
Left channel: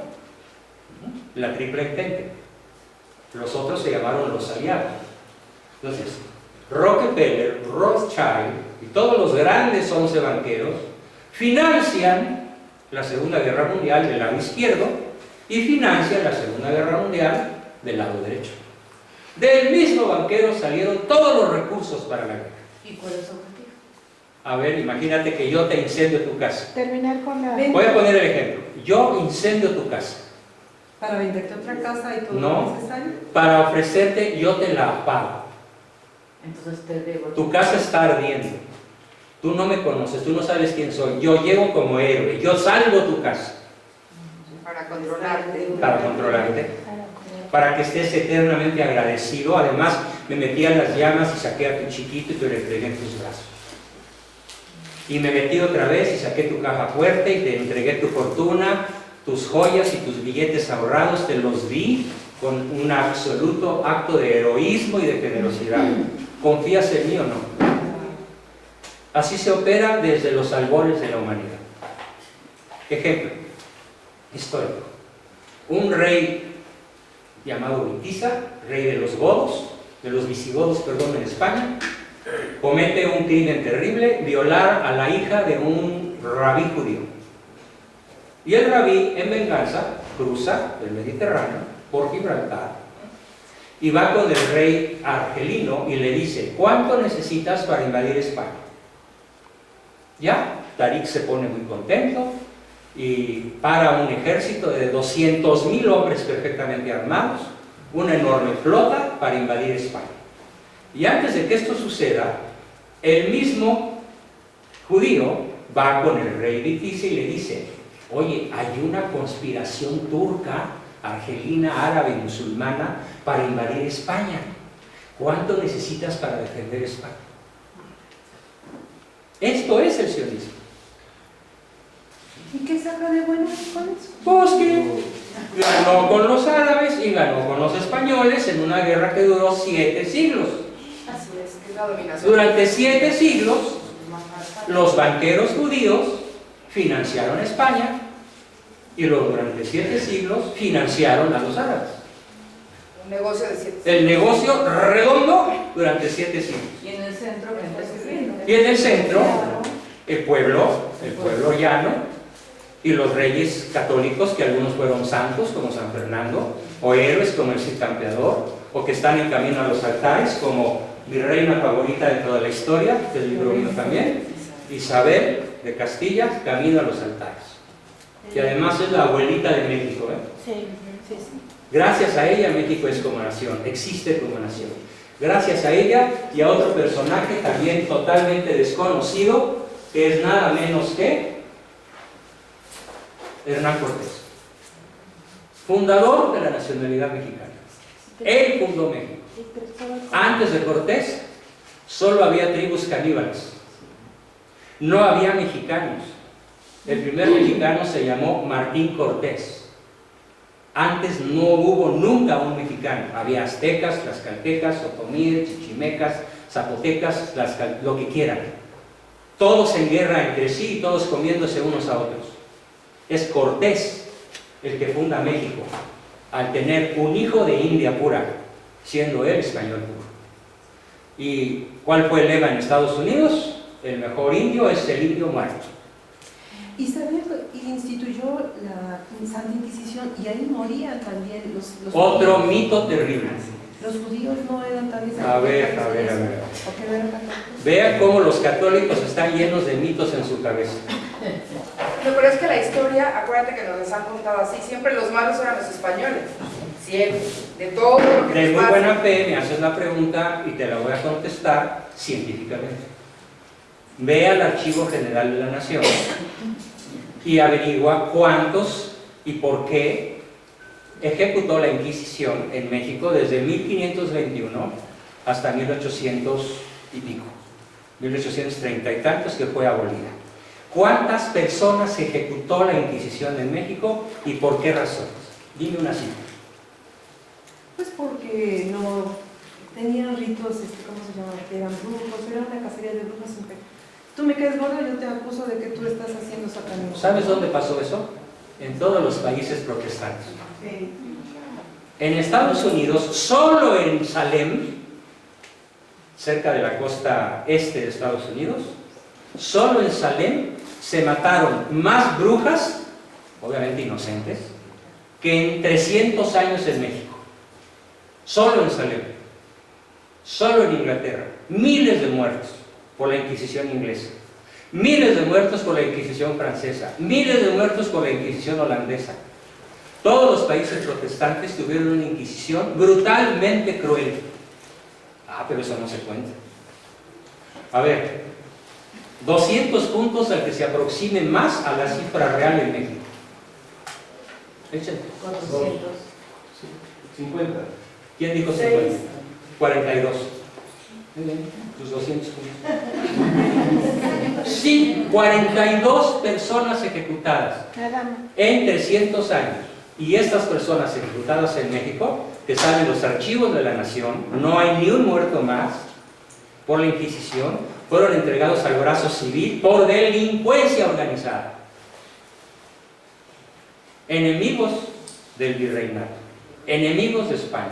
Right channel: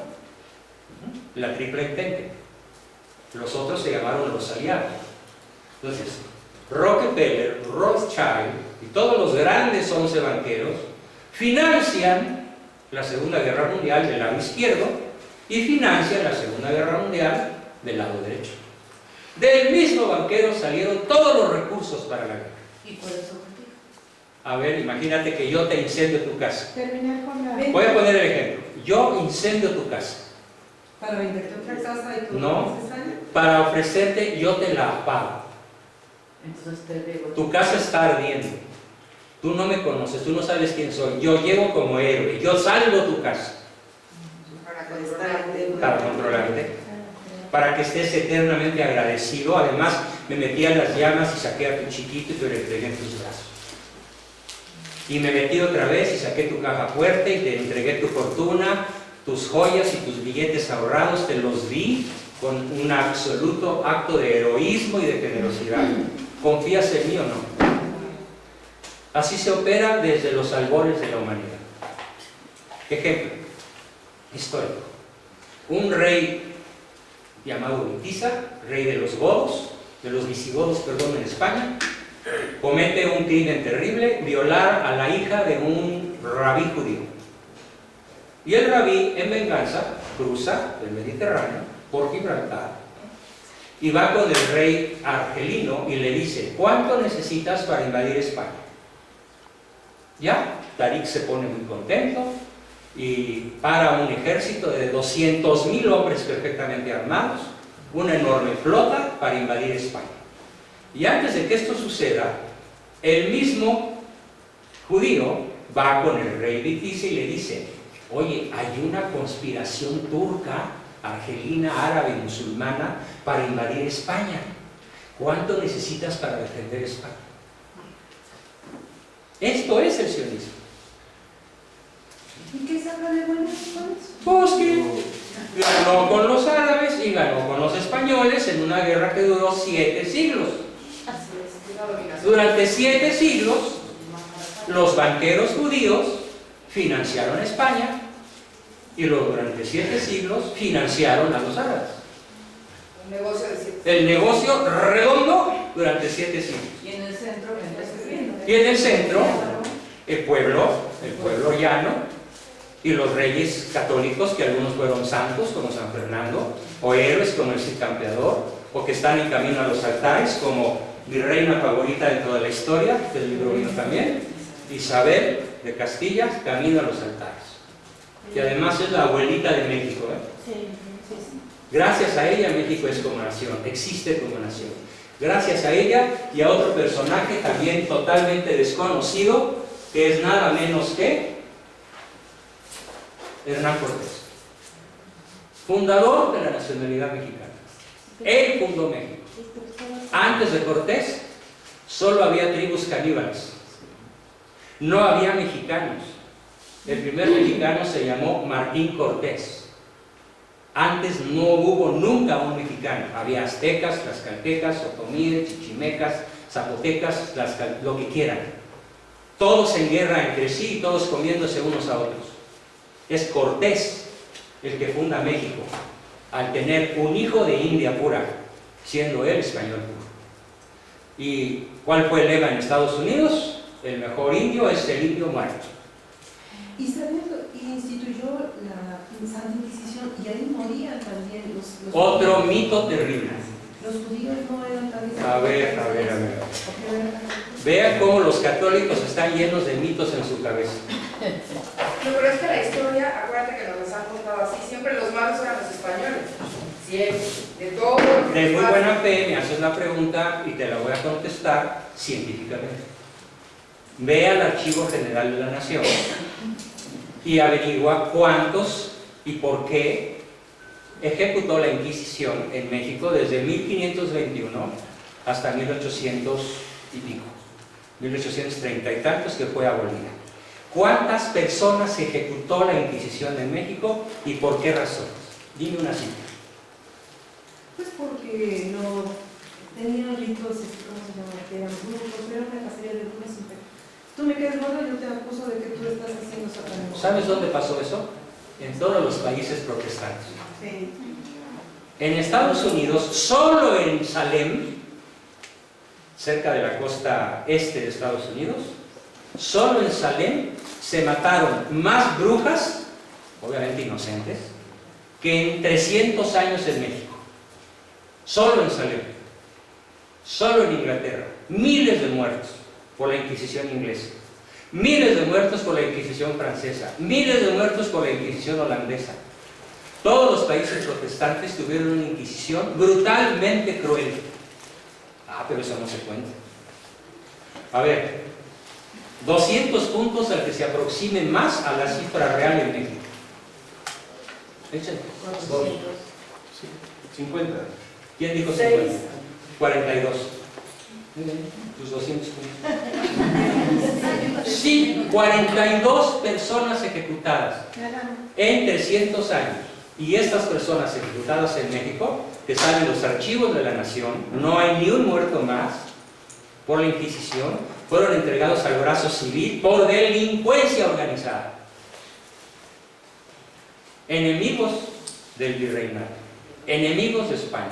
La triple entente. Los otros se llamaron los aliados. Entonces, Rockefeller, Rothschild y todos los grandes 11 banqueros financian la Segunda Guerra Mundial del lado izquierdo y financian la Segunda Guerra Mundial del lado derecho. Del mismo banquero salieron todos los recursos para la guerra. ¿Y cuál es su objetivo? A ver, imagínate que yo te incendio tu casa. Terminar con la... Voy a poner el ejemplo. Yo incendio tu casa. Para venderte otra casa y todo No. lo necesario. Para ofrecerte, yo te la apago. Entonces te debo. Tu casa está ardiendo. Tú no me conoces, tú no sabes quién soy. Yo llego como héroe. Yo salvo tu casa. Para controlarte. Para controlarte. Para que estés eternamente agradecido. Además, me metí a las llamas y saqué a tu chiquito y te lo entregué en tus brazos. Y me metí otra vez y saqué tu caja fuerte y te entregué tu fortuna, tus joyas y tus billetes ahorrados, te los di con un absoluto acto de heroísmo y de generosidad. ¿Confías en mí o no? Así se opera desde los albores de la humanidad. Ejemplo histórico. Un rey llamado Witiza, rey de los godos, de los visigodos, perdón, en España, comete un crimen terrible, violar a la hija de un rabí judío. Y el rabí, en venganza, cruza el Mediterráneo por Gibraltar y va con el rey argelino y le dice: ¿cuánto necesitas para invadir España? Ya, Tarik se pone muy contento y para un ejército de 200.000 hombres perfectamente armados, una enorme flota para invadir España. Y antes de que esto suceda, el mismo judío va con el rey Witiza y le dice: oye, hay una conspiración turca, argelina, árabe, musulmana para invadir España. ¿Cuánto necesitas para defender España? Esto es el sionismo. ¿Y qué saca de bueno con eso? Pues que ganó con los árabes y ganó con los españoles en una guerra que duró 7 siglos. Así es la dominación. Durante 7 siglos, los banqueros judíos financiaron a España y durante 7 siglos financiaron a los árabes. Un negocio de 7. El negocio redondo durante 7 siglos. Y en el centro, gente sirviendo. Y en el centro, el pueblo llano y los reyes católicos, que algunos fueron santos como San Fernando, o héroes como el Cid Campeador, o que están en camino a los altares como mi reina favorita dentro de la historia, del libro mío también, Isabel de Castilla, camino a los altares. Y además es la abuelita de México, ¿eh? Sí, sí, sí. Gracias a ella México es como nación, existe como nación. Gracias a ella y a otro personaje también totalmente desconocido, que es nada menos que Hernán Cortés, fundador de la nacionalidad mexicana. Él fundó México. Antes de Cortés solo había tribus caníbales, no había mexicanos. El primer mexicano se llamó Martín Cortés. Antes no hubo nunca un mexicano. Había aztecas, tlaxcaltecas, otomíes, chichimecas, zapotecas, lo que quieran. Todos en guerra entre sí y todos comiéndose unos a otros. Es Cortés el que funda México, al tener un hijo de India pura, siendo él español puro. ¿Y cuál fue el lema en Estados Unidos? El mejor indio es el indio muerto. Y sabía que instituyó la Santa Inquisición y ahí morían también los Otro judíos. mito terrible. Los judíos no eran tan A ver. ¿Por qué no eran católicos? Vean cómo los católicos están llenos de mitos en su cabeza. No, pero es que la historia, acuérdate que nos las han contado así, siempre los malos eran los españoles. Siempre, de todo lo que De nos muy pasa. buena fe me haces la pregunta y te la voy a contestar científicamente. Ve al Archivo General de la Nación y averigua cuántos y por qué ejecutó la Inquisición en México desde 1521 hasta 1800 y pico, 1830 y tantos, que fue abolida. ¿Cuántas personas ejecutó la Inquisición en México y por qué razones? Dime una cifra. Pues porque no tenían ritos, ¿cómo se llama? Que eran brujos, era una cacería de brujas impecable. Tú me quedas gordo y yo te acuso de que tú estás haciendo satanismo. ¿Sabes dónde pasó eso? En todos los países protestantes. Sí. En Estados Unidos, solo en Salem, cerca de la costa este de Estados Unidos, solo en Salem se mataron más brujas, obviamente inocentes, que en 300 años en México. Solo en Salem. Solo en Inglaterra. Miles de muertos por la Inquisición inglesa. Miles de muertos por la Inquisición francesa. Miles de muertos por la Inquisición holandesa. Todos los países protestantes tuvieron una Inquisición brutalmente cruel. Ah, pero eso no se cuenta. A ver, 200 puntos al que se aproxime más a la cifra real en México. Échale. 400. 50. ¿Quién dijo 50? 42. Muy bien, tus 200 puntos. Sí, 42 personas ejecutadas en 300 años. Y estas personas ejecutadas en México que salen los archivos de la nación, no hay ni un muerto más por la Inquisición, fueron entregados al brazo civil por delincuencia organizada. Enemigos del virreinato, enemigos de España,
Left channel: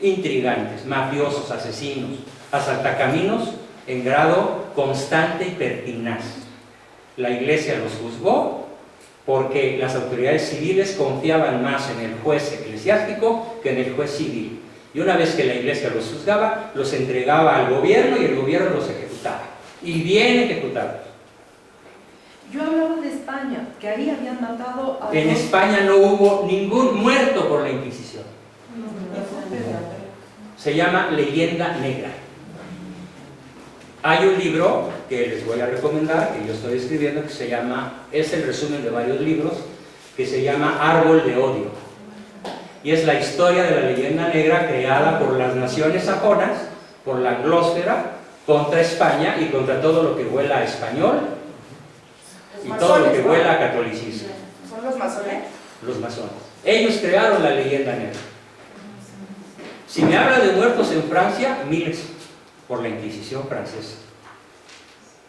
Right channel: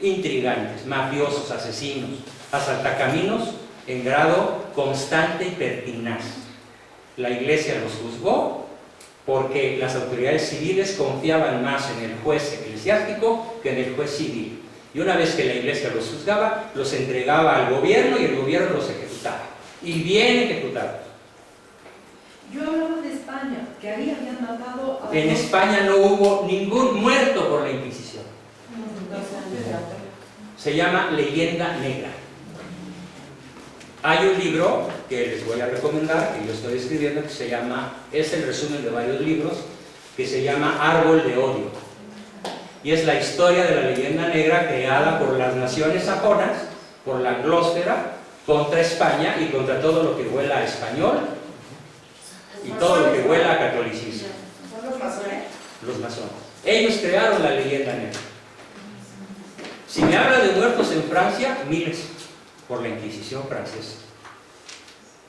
intrigantes, mafiosos, asesinos, asaltacaminos en grado constante y pertinaz. La Iglesia los juzgó porque las autoridades civiles confiaban más en el juez eclesiástico que en el juez civil. Y una vez que la Iglesia los juzgaba, los entregaba al gobierno y el gobierno los ejecutaba. Y bien ejecutados. Yo hablaba de España, que ahí habían matado a... En España no hubo ningún muerto por la Inquisición. Se llama Leyenda Negra. Hay un libro que les voy a recomendar, que yo estoy escribiendo, que se llama, es el resumen de varios libros, que se llama Árbol de Odio. Y es la historia de la leyenda negra creada por las naciones sajonas, por la anglósfera, contra España y contra todo lo que huela a español y todo lo que huela a catolicismo. ¿Son los masones? Los masones. Ellos crearon la leyenda negra. Si me habla de muertos en Francia, miles por la Inquisición francesa,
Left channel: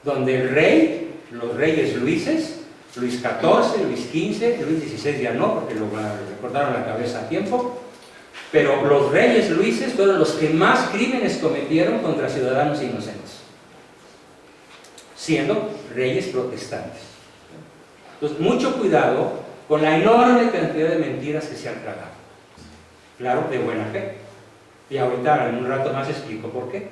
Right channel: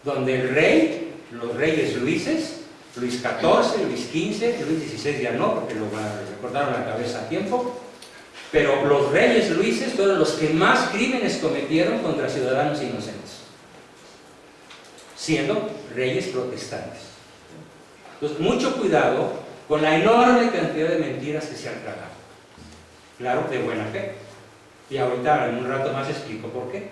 donde el rey, los reyes Luises, Luis XIV, Luis XV, Luis XVI ya no, porque le cortaron la cabeza a tiempo, pero los reyes Luises fueron los que más crímenes cometieron contra ciudadanos inocentes, siendo reyes protestantes. Entonces, mucho cuidado con la enorme cantidad de mentiras que se han tragado. Claro, de buena fe. Y ahorita, en un rato más, explico por qué.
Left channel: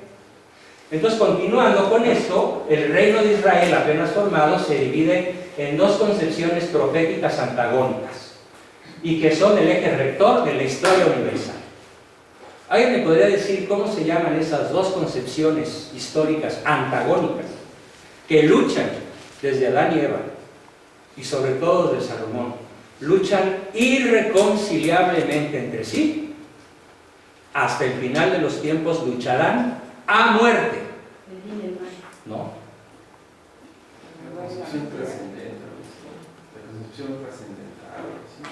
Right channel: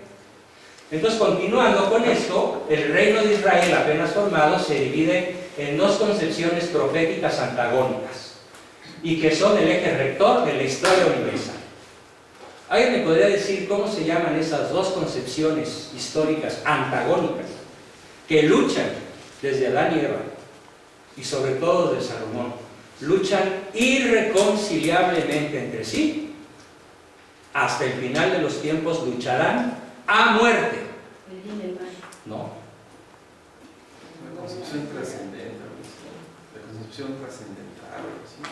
Entonces, continuando con esto, el reino de Israel apenas formado se divide en dos concepciones proféticas antagónicas y que son el eje rector de la historia universal. ¿Alguien me podría decir cómo se llaman esas dos concepciones históricas antagónicas que luchan desde Adán y Eva y sobre todo desde Salomón? Luchan irreconciliablemente entre sí. Hasta el final de los tiempos lucharán a muerte. ¿No? La concepción trascendental, la concepción trascendental, ¿sí?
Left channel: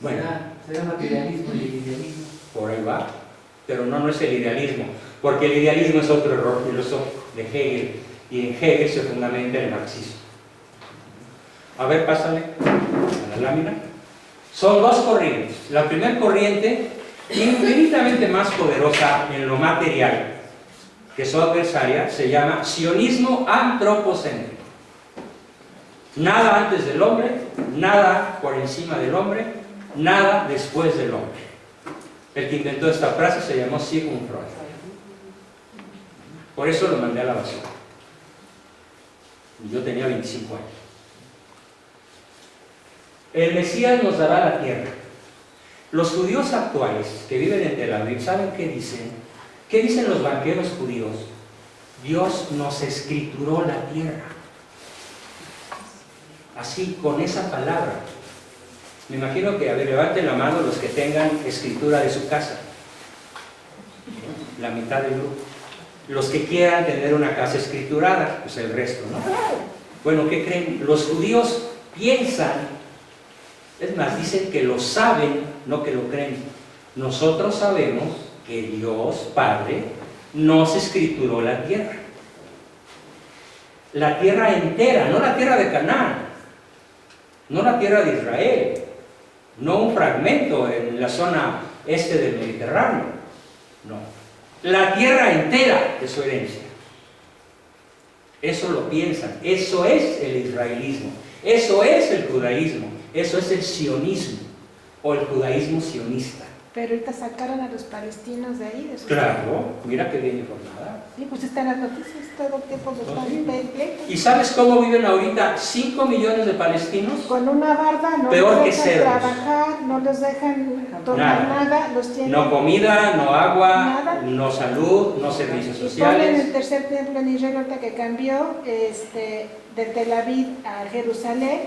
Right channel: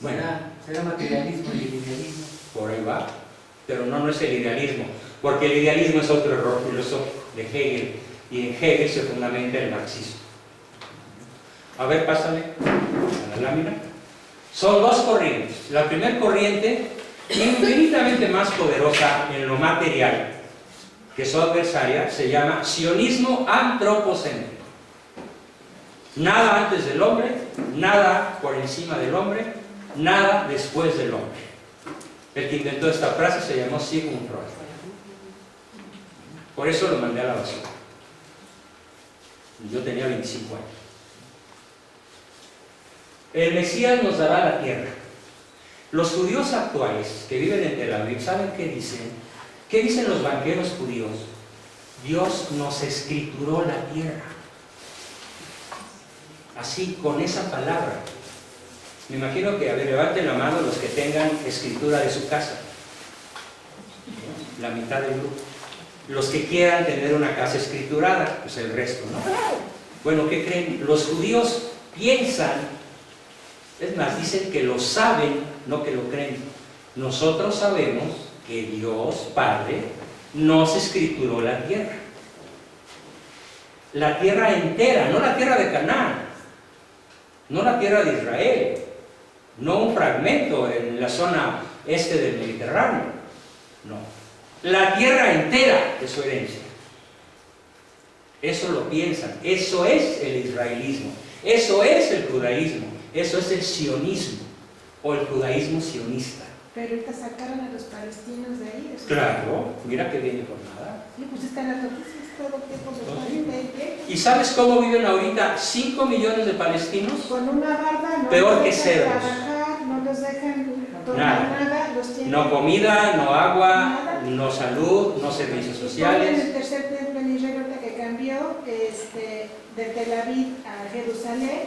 Bueno, ¿Será materialismo y el idealismo? por ahí va, pero no es el idealismo, porque el idealismo es otro error filosófico de Hegel, y en Hegel se fundamenta el marxismo. A ver, pásale a la lámina. Son dos corrientes. La primera corriente, infinitamente más poderosa en lo material que su adversaria, se llama sionismo antropocéntrico. Nada antes del hombre, nada por encima del hombre, nada después del hombre. El que inventó esta frase se llamó Sigmund Freud. Por eso lo mandé a la basura. Yo tenía 25 años. El Mesías nos dará la tierra. Los judíos actuales que viven en Tel Aviv, ¿saben qué dicen? ¿Qué dicen los banqueros judíos? Dios nos escrituró la tierra. Así, con esa palabra. Me imagino que, a ver, levanten la mano los que tengan escritura de su casa. La mitad del grupo. Los que quieran tener una casa escriturada, pues el resto, ¿no? Bueno, ¿qué creen? Los judíos piensan, es más, dicen que lo saben, no que lo creen. Nosotros sabemos que Dios, Padre, nos escrituró la tierra. La tierra entera, no la tierra de Canaán, no la tierra de Israel, no un fragmento en la zona este del Mediterráneo, no. La tierra entera es su herencia. Eso lo piensan, eso es el israelismo, eso es el judaísmo, eso es el sionismo o el judaísmo sionista. Pero ahorita sacaron a los palestinos de ahí. De Claro, mira qué bien informada. Sí, pues están las noticias todo el tiempo. ¿Y sabes cómo viven ahorita 5 millones de palestinos? Con una barda no Peor los que dejan cerdos. trabajar, no los dejan tomar nada, los tienen... No comida, no agua, Nada. no salud, no servicios Y ponen sociales. el tercer templo en Israel ahorita que cambió de Tel Aviv a Jerusalén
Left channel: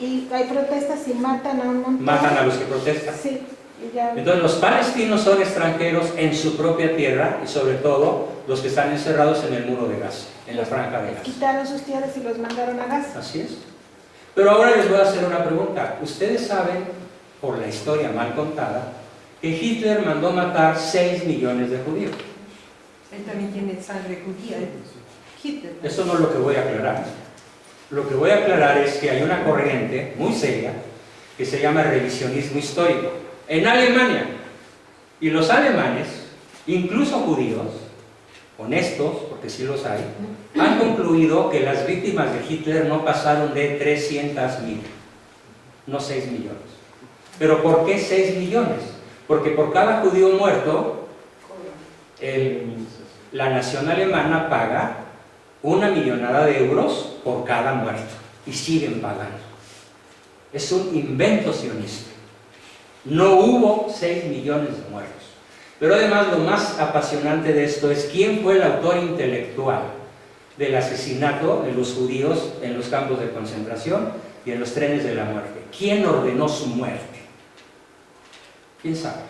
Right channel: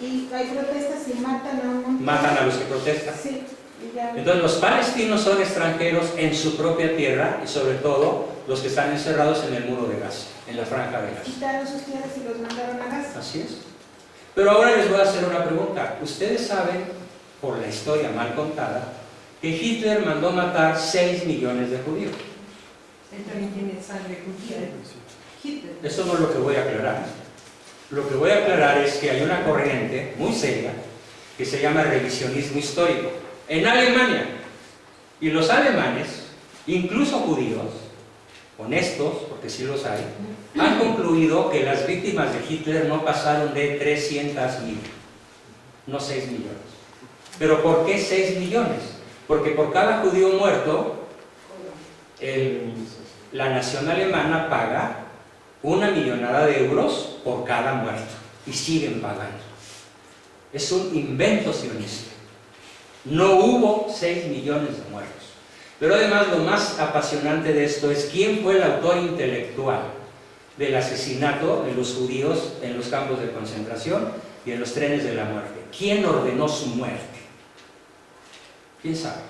y hay protestas y matan a un montón. Matan a los que protestan. Sí, y ya... Entonces los palestinos son extranjeros en su propia tierra y sobre todo los que están encerrados en el muro de Gaza, en la franja de Gaza. Quitaron sus tierras y los mandaron a Gaza. Así es. Pero ahora les voy a hacer una pregunta. ¿Ustedes saben por la historia mal contada, que Hitler mandó matar 6 millones de judíos. Él también tiene sangre judía, Hitler. Eso no es lo que voy a aclarar. Lo que voy a aclarar es que hay una corriente muy seria que se llama revisionismo histórico en Alemania. Y los alemanes, incluso judíos, honestos, porque sí los hay, han concluido que las víctimas de Hitler no pasaron de 300.000, no 6 millones. ¿Pero por qué 6 millones? Porque por cada judío muerto, la nación alemana paga 1 millonada de euros por cada muerto, y siguen pagando. Es un invento sionista. No hubo 6 millones de muertos. Pero además lo más apasionante de esto es quién fue el autor intelectual del asesinato de los judíos en los campos de concentración y en los trenes de la muerte. ¿Quién ordenó su muerte? ¿Quién sabe?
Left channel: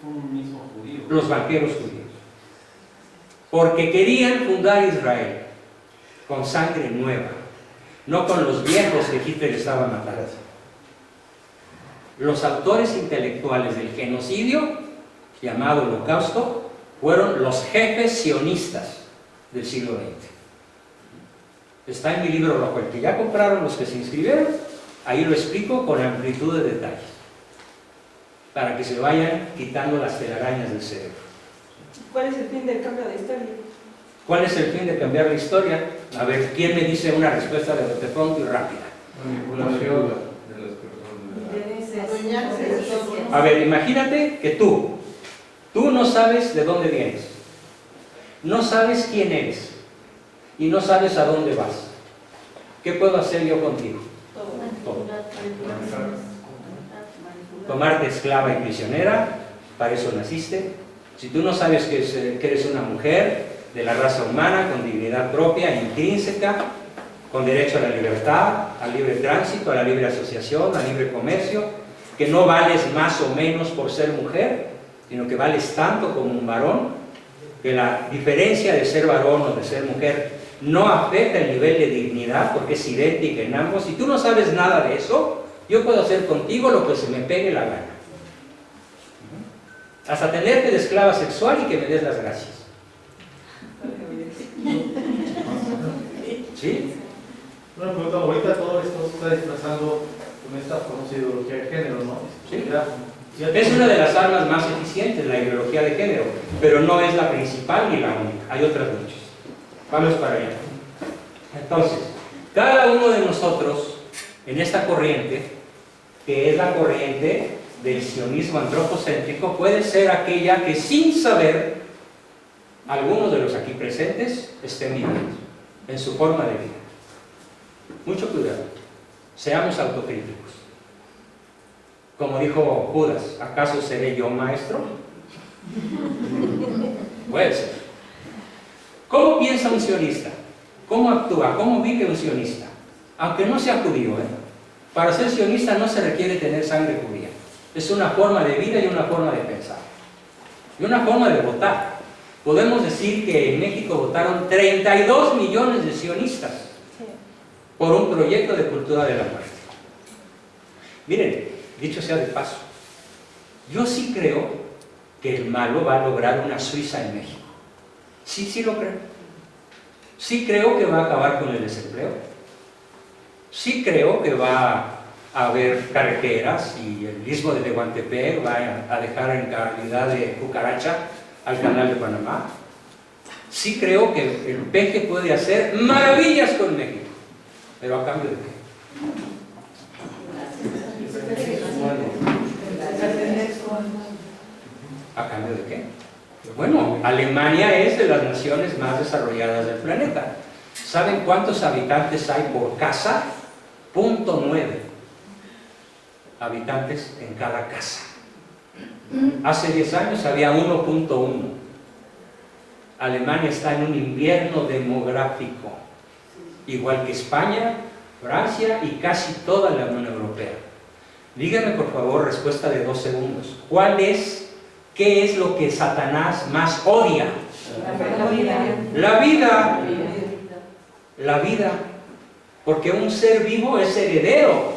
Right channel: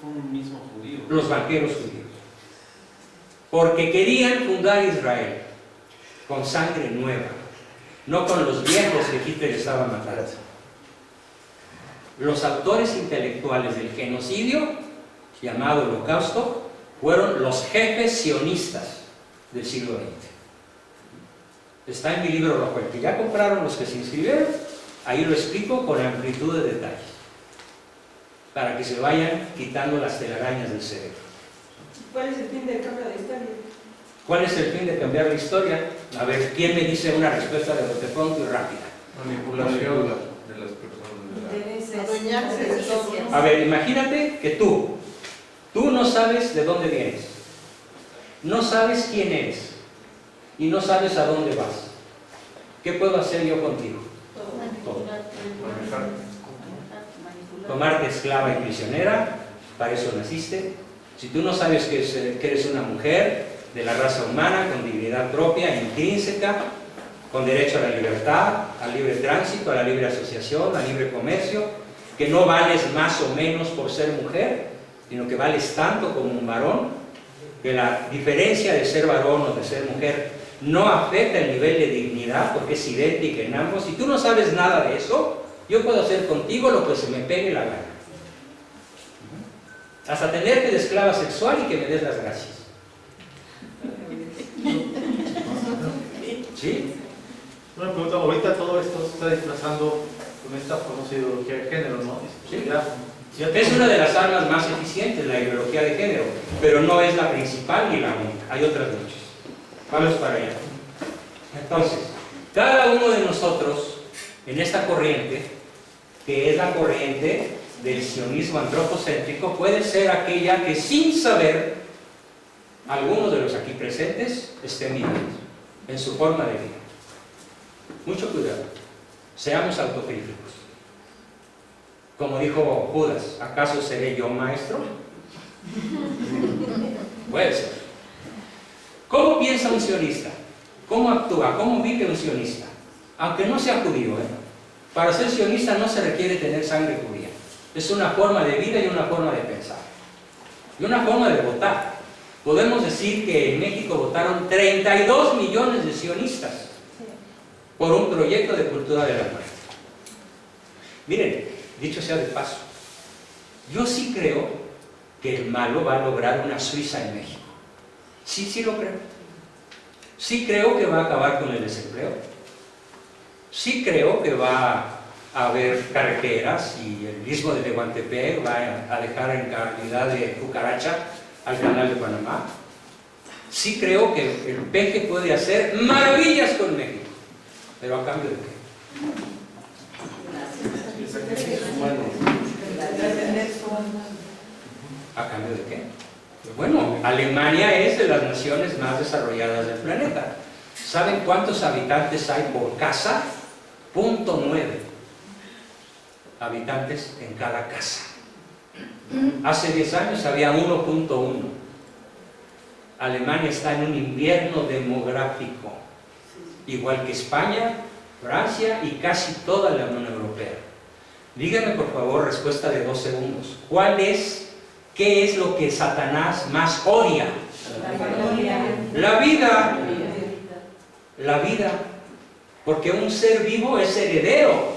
Fue un mismo judío. Los banqueros judíos. Porque querían fundar Israel con sangre nueva, no con los viejos que Hitler estaba matando. Los autores intelectuales del genocidio, llamado Holocausto, fueron los jefes sionistas del siglo XX. Está en mi libro rojo, el que ya compraron los que se inscribieron, ahí lo explico con amplitud de detalles, para que se vayan quitando las telarañas del cerebro. ¿Cuál es el fin del cambio de historia? ¿Cuál es el fin de cambiar la historia? A ver, ¿quién me dice una respuesta de bote pronto y rápida? Manipulación de las personas. Adueñarse de todo. A ver, imagínate que tú no sabes de dónde vienes, no sabes quién eres y no sabes a dónde vas. ¿Qué puedo hacer yo contigo? Todo. Tomarte esclava y prisionera, para eso naciste. Si tú no sabes que eres una mujer de la raza humana, con dignidad propia, intrínseca, con derecho a la libertad, al libre tránsito, a la libre asociación, al libre comercio, que no vales más o menos por ser mujer, sino que vales tanto como un varón, que la diferencia de ser varón o de ser mujer no afecta el nivel de dignidad, porque es idéntica en ambos. Si tú no sabes nada de eso, yo puedo hacer contigo lo que se me pegue la gana. Hasta tenerte de esclava sexual y que me des las gracias. ¿Sí? Bueno, pero ahorita todo esto se está desplazando con esta famosa ideología de género, ¿no? Sí. Es una de las armas más eficientes, la ideología de género, pero no es la principal ni la única. Hay otras muchas. Vamos para allá. Entonces, cada uno de nosotros, en esta corriente, que es la corriente del sionismo antropocéntrico, puede ser aquella que sin saber, algunos de los aquí presentes estén viviendo en su forma de vida. Mucho cuidado, seamos autocríticos. Como dijo Judas, ¿acaso seré yo maestro? Puede ser. ¿Cómo piensa un sionista? ¿Cómo actúa? ¿Cómo vive un sionista? Aunque no sea judío, Para ser sionista no se requiere tener sangre judía. Es una forma de vida y una forma de pensar. Y una forma de votar. Podemos decir que en México votaron 32 millones de sionistas por un proyecto de cultura de la muerte. Miren, dicho sea de paso, yo sí creo que el malo va a lograr una Suiza en México. Sí lo creo. Sí creo que va a acabar con el desempleo. Sí creo que va a haber carreteras y el istmo de Tehuantepec va a dejar en calidad de cucaracha al canal de Panamá. Sí creo que el peje puede hacer maravillas con México. ¿Pero a cambio de qué? ¿A cambio de qué? Bueno, Alemania es de las naciones más desarrolladas del planeta. ¿Saben cuántos habitantes hay por casa? 0.9 habitantes en cada casa. Hace 10 años había 1.1. Alemania está en un invierno demográfico, igual que España, Francia y casi toda la Unión Europea. Díganme por favor, respuesta de 2 segundos. ¿Qué es lo que Satanás más odia? La vida. La vida. Porque un ser vivo es heredero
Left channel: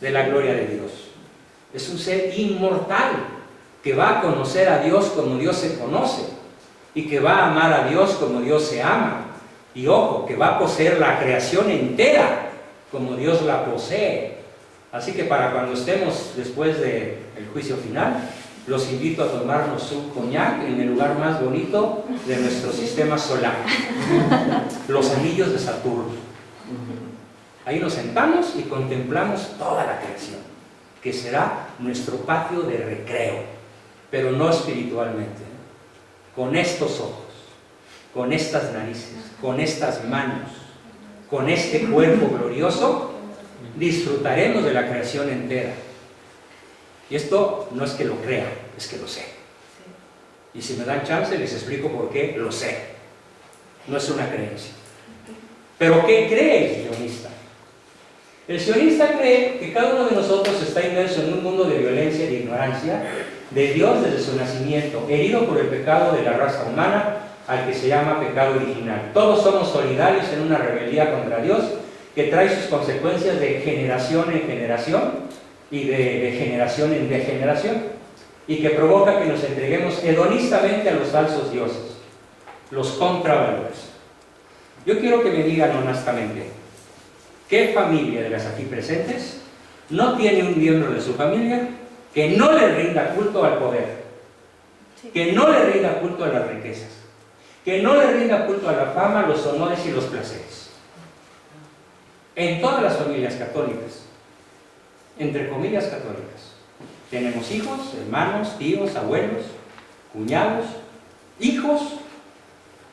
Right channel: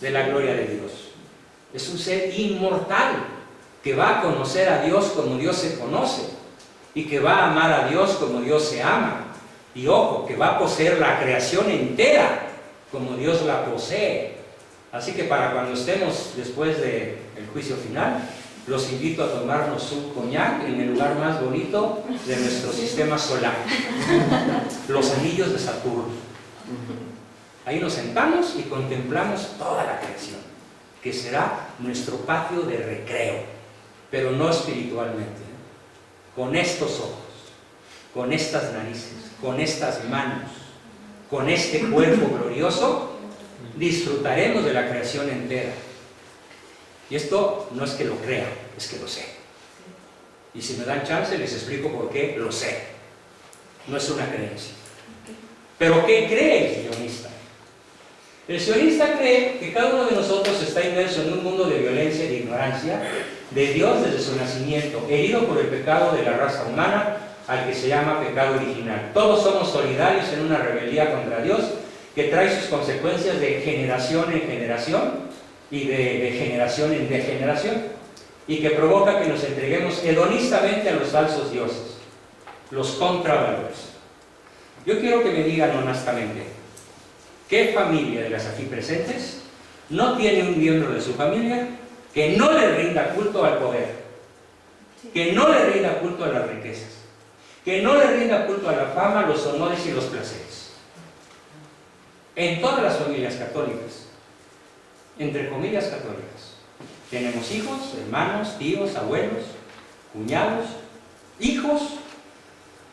de la gloria de Dios. Es un ser inmortal que va a conocer a Dios como Dios se conoce y que va a amar a Dios como Dios se ama. Y ojo, que va a poseer la creación entera como Dios la posee. Así que para cuando estemos después del juicio final, los invito a tomarnos un coñac en el lugar más bonito de nuestro sistema solar, los anillos de Saturno. Ahí nos sentamos y contemplamos toda la creación, que será nuestro patio de recreo, pero no espiritualmente, con estos ojos, con estas narices, con estas manos, con este cuerpo glorioso, disfrutaremos de la creación entera. Y esto no es que lo crea, es que lo sé. Y si me dan chance les explico por qué lo sé. No es una creencia. Pero ¿qué cree el sionista? El sionista cree que cada uno de nosotros está inmerso en un mundo de violencia y de ignorancia de Dios desde su nacimiento, herido por el pecado de la raza humana, al que se llama pecado original. Todos somos solidarios en una rebeldía contra Dios que trae sus consecuencias de generación en generación y de generación en degeneración, y que provoca que nos entreguemos hedonistamente a los falsos dioses, los contravalores. Yo quiero que me digan honestamente, ¿qué familia de las aquí presentes no tiene un miembro de su familia que no le rinda culto al poder, que no le rinda culto a las riquezas, que no le rinda culto a la fama, los honores y los placeres? En todas las familias católicas, entre comillas católicas, tenemos hijos, hermanos, tíos, abuelos, cuñados, hijos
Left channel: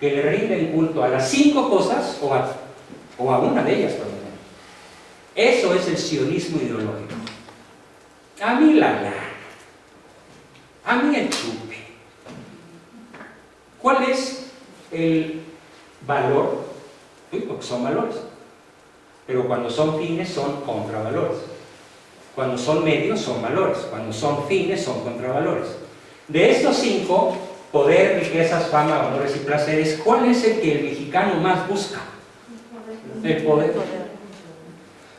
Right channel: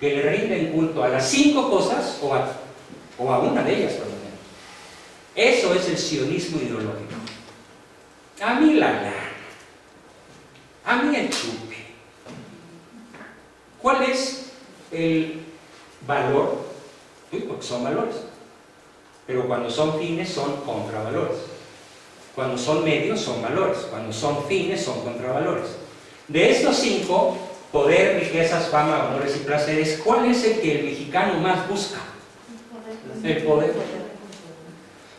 que le rinden culto a las 5 cosas o a una de ellas por lo menos. Eso es el sionismo ideológico. A mí la lana, a mí el chupe. ¿Cuál es el valor? Porque son valores. Pero cuando son fines son contravalores. Cuando son medios son valores. Cuando son fines son contravalores. De estos 5, poder, riquezas, fama, honores y placeres, ¿cuál es el que el mexicano más busca? El poder.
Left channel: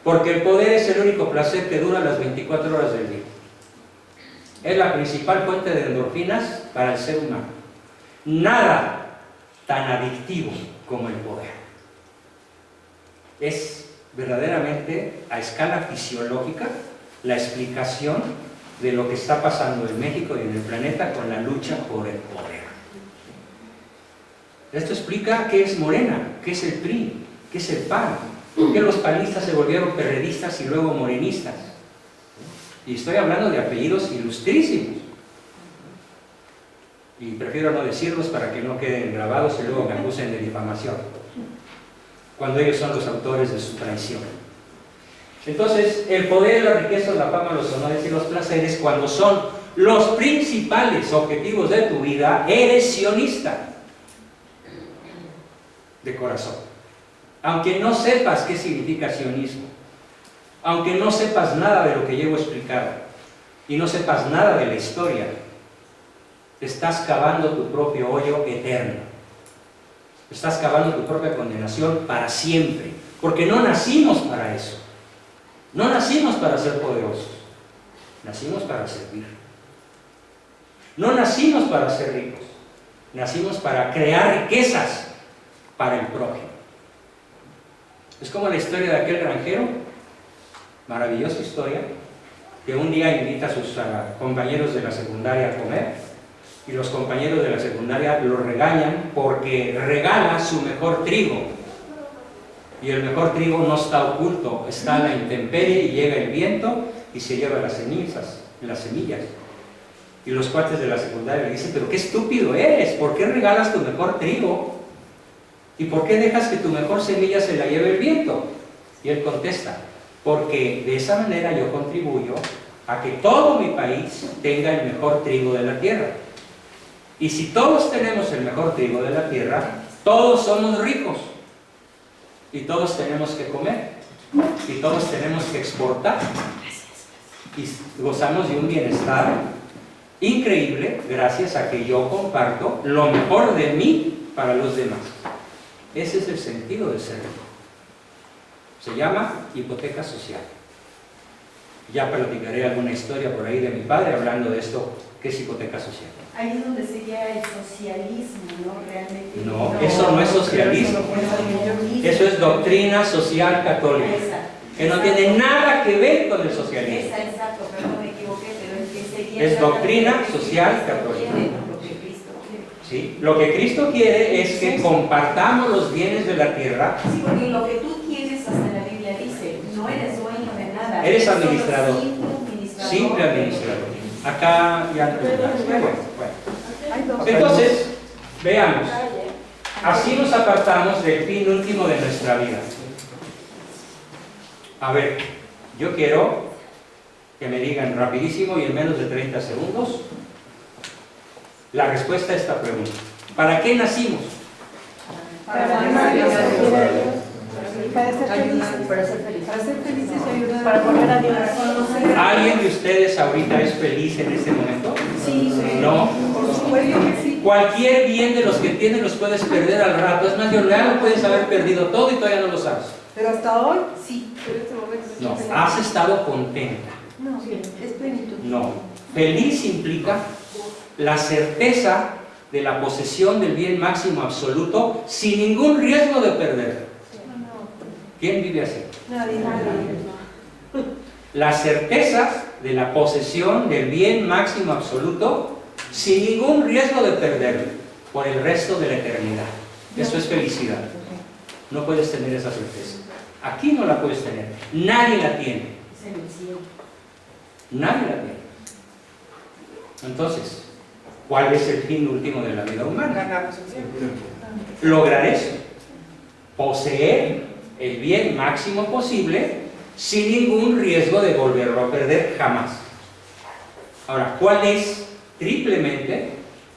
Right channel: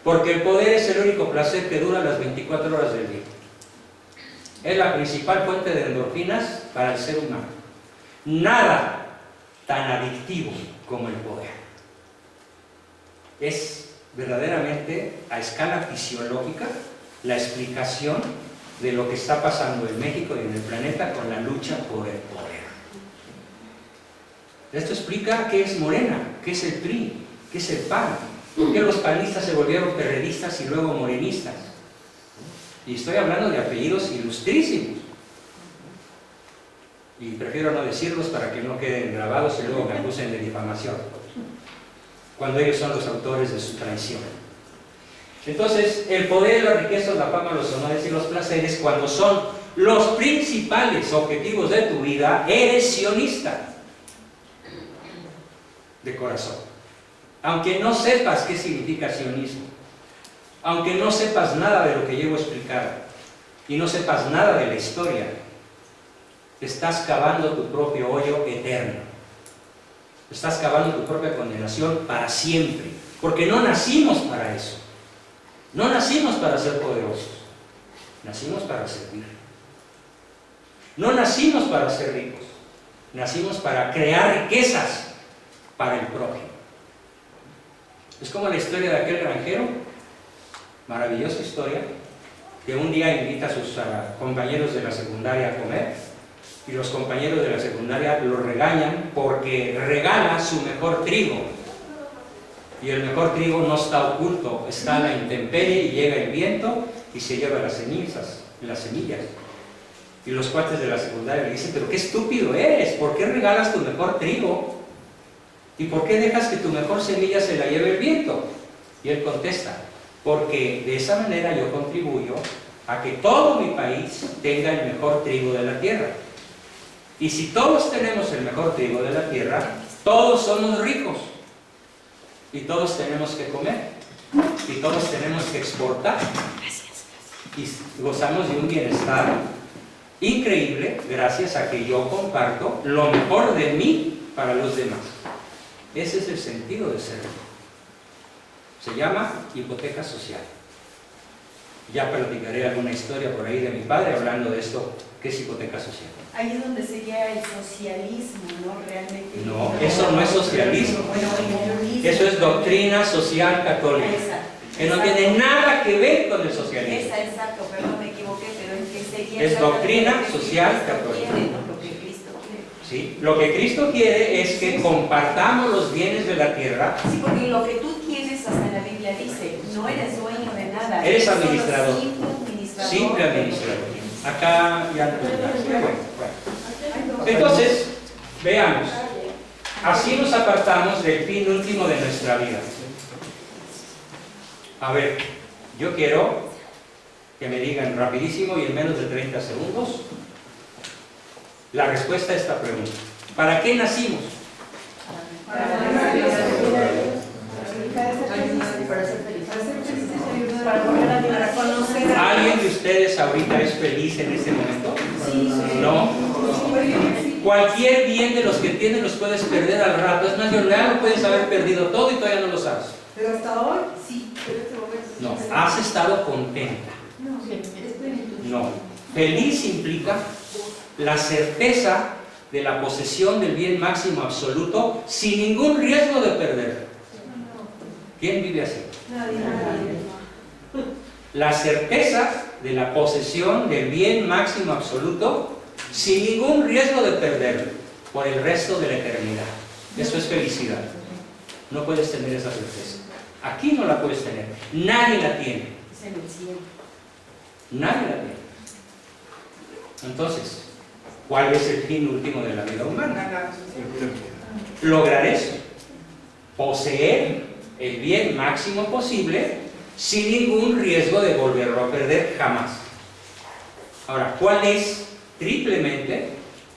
Porque el poder es el único placer que dura las 24 horas del día. Es la principal fuente de endorfinas para el ser humano. Nada tan adictivo como el poder. Es verdaderamente a escala fisiológica la explicación de lo que está pasando en México y en el planeta con la lucha por el poder. Esto explica qué es Morena, qué es el PRI, qué es el PAN, por qué los panistas se volvieron perredistas y luego morenistas. Y estoy hablando de apellidos ilustrísimos. Y prefiero no decirlos para que no queden grabados y luego me acusen de difamación, cuando ellos son los autores de su traición. Entonces, el poder, la riqueza, la fama, los honores y los placeres, cuando son los principales objetivos de tu vida, eres sionista de corazón. Aunque no sepas qué significa sionismo, aunque no sepas nada de lo que llevo explicado y no sepas nada de la historia, estás cavando tu propio hoyo eterno. Estás cavando tu propia condenación para siempre, porque no nacimos para eso. No nacimos para ser poderosos, nacimos para servir. No nacimos para ser ricos, nacimos para crear riquezas para el prójimo. Es como la historia de aquel granjero, maravillosa historia, que un día invita a sus compañeros de la secundaria a comer, y los compañeros de la secundaria lo regañan porque regala su mejor trigo. Y el mejor trigo no está oculto, está a la intemperie, y llega el viento y se lleva las semillas. Y los cuates de la secundaria le dicen, pero qué estúpido eres, ¿por qué regalas tu mejor trigo? ¿Y por qué dejas que tu mejor semilla se la lleve el viento? Y él contesta, porque de esa manera yo contribuyo a que todo mi país tenga el mejor trigo de la tierra. Y si todos tenemos el mejor trigo de la tierra, todos somos ricos. Y todos tenemos que comer. Y todos tenemos que exportar. Y gozamos de un bienestar increíble gracias a que yo comparto lo mejor de mí para los demás. Ese es el sentido de ser rico. Se llama hipoteca social. Ya platicaré alguna historia por ahí de mi padre hablando de esto, que es hipoteca social. Ahí es donde sería el socialismo, ¿no? Realmente. No, eso no es socialismo. Bueno, el comunismo. Eso es doctrina social católica, que no tiene nada que ver con el socialismo. Exacto, perdón, me equivoqué, pero es que sería... Es doctrina lo que social Cristo católica. quiere, ¿no? Lo que Cristo quiere. ¿Sí? Lo que Cristo quiere es que compartamos los bienes de la tierra. Sí, porque lo que tú tienes hasta en la Biblia dice, no eres dueño de nada. Eres solo administrador. Simple de- administrador. Acá ya no. Bueno. Hay dos. Entonces, veamos. Así nos apartamos del fin último de nuestra vida. A ver, yo quiero que me digan rapidísimo y en menos de 30 segundos la respuesta a esta pregunta. ¿Para qué nacimos? Para amar a Dios, para ser felices. Para ser feliz. Para ser felices y ayudar. Para volver a Dios. Para conocer. ¿Alguien de ustedes ahorita es feliz en este momento? Sí. No. Sí. Cualquier bien de los que tienes los puedes perder al rato. Es más, ya lo puedes haber perdido todo y todavía no lo sabes. Pero hasta hoy, sí. Pero este momento sí. No, has estado contenta. No, es plenitud. No. Feliz implica la certeza de la posesión del bien máximo absoluto sin ningún riesgo de perderlo. ¿Quién vive así? Nadie. La certeza de la posesión del bien máximo absoluto sin ningún riesgo de perderlo por el resto de la eternidad. Eso es felicidad. No puedes tener esa certeza. Aquí no la puedes tener. Nadie la tiene. Es en el cielo. Nadie la tiene. Entonces, ¿cuál es el fin último de la vida humana? Ganamos el cielo. Lograr eso. Poseer el bien máximo posible sin ningún riesgo de volverlo a perder jamás. Ahora, ¿cuál es, triplemente,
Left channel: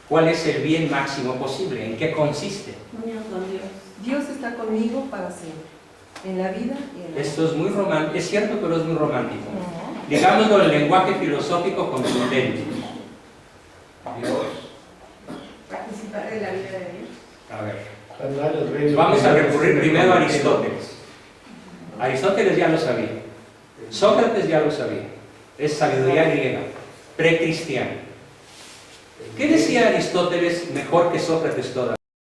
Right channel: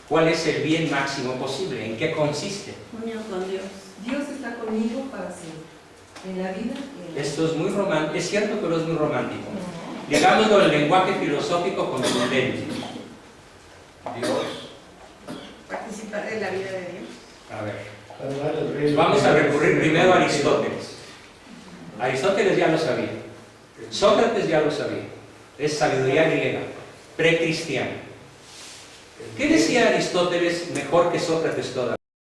cuál es el bien máximo posible? ¿En qué consiste? Unión con Dios. Dios está conmigo para siempre. En la vida y en la Esto es muy romántico, es cierto, pero es muy romántico. Digámoslo en el lenguaje filosófico contundente. Dios. Participar en la vida de Dios. A ver, Para dar el rey. vamos a recurrir primero a Aristóteles. Aristóteles ya lo sabía. Sócrates ya lo sabía. Es sabiduría griega, precristiana. ¿Qué decía Aristóteles mejor que Sócrates todavía?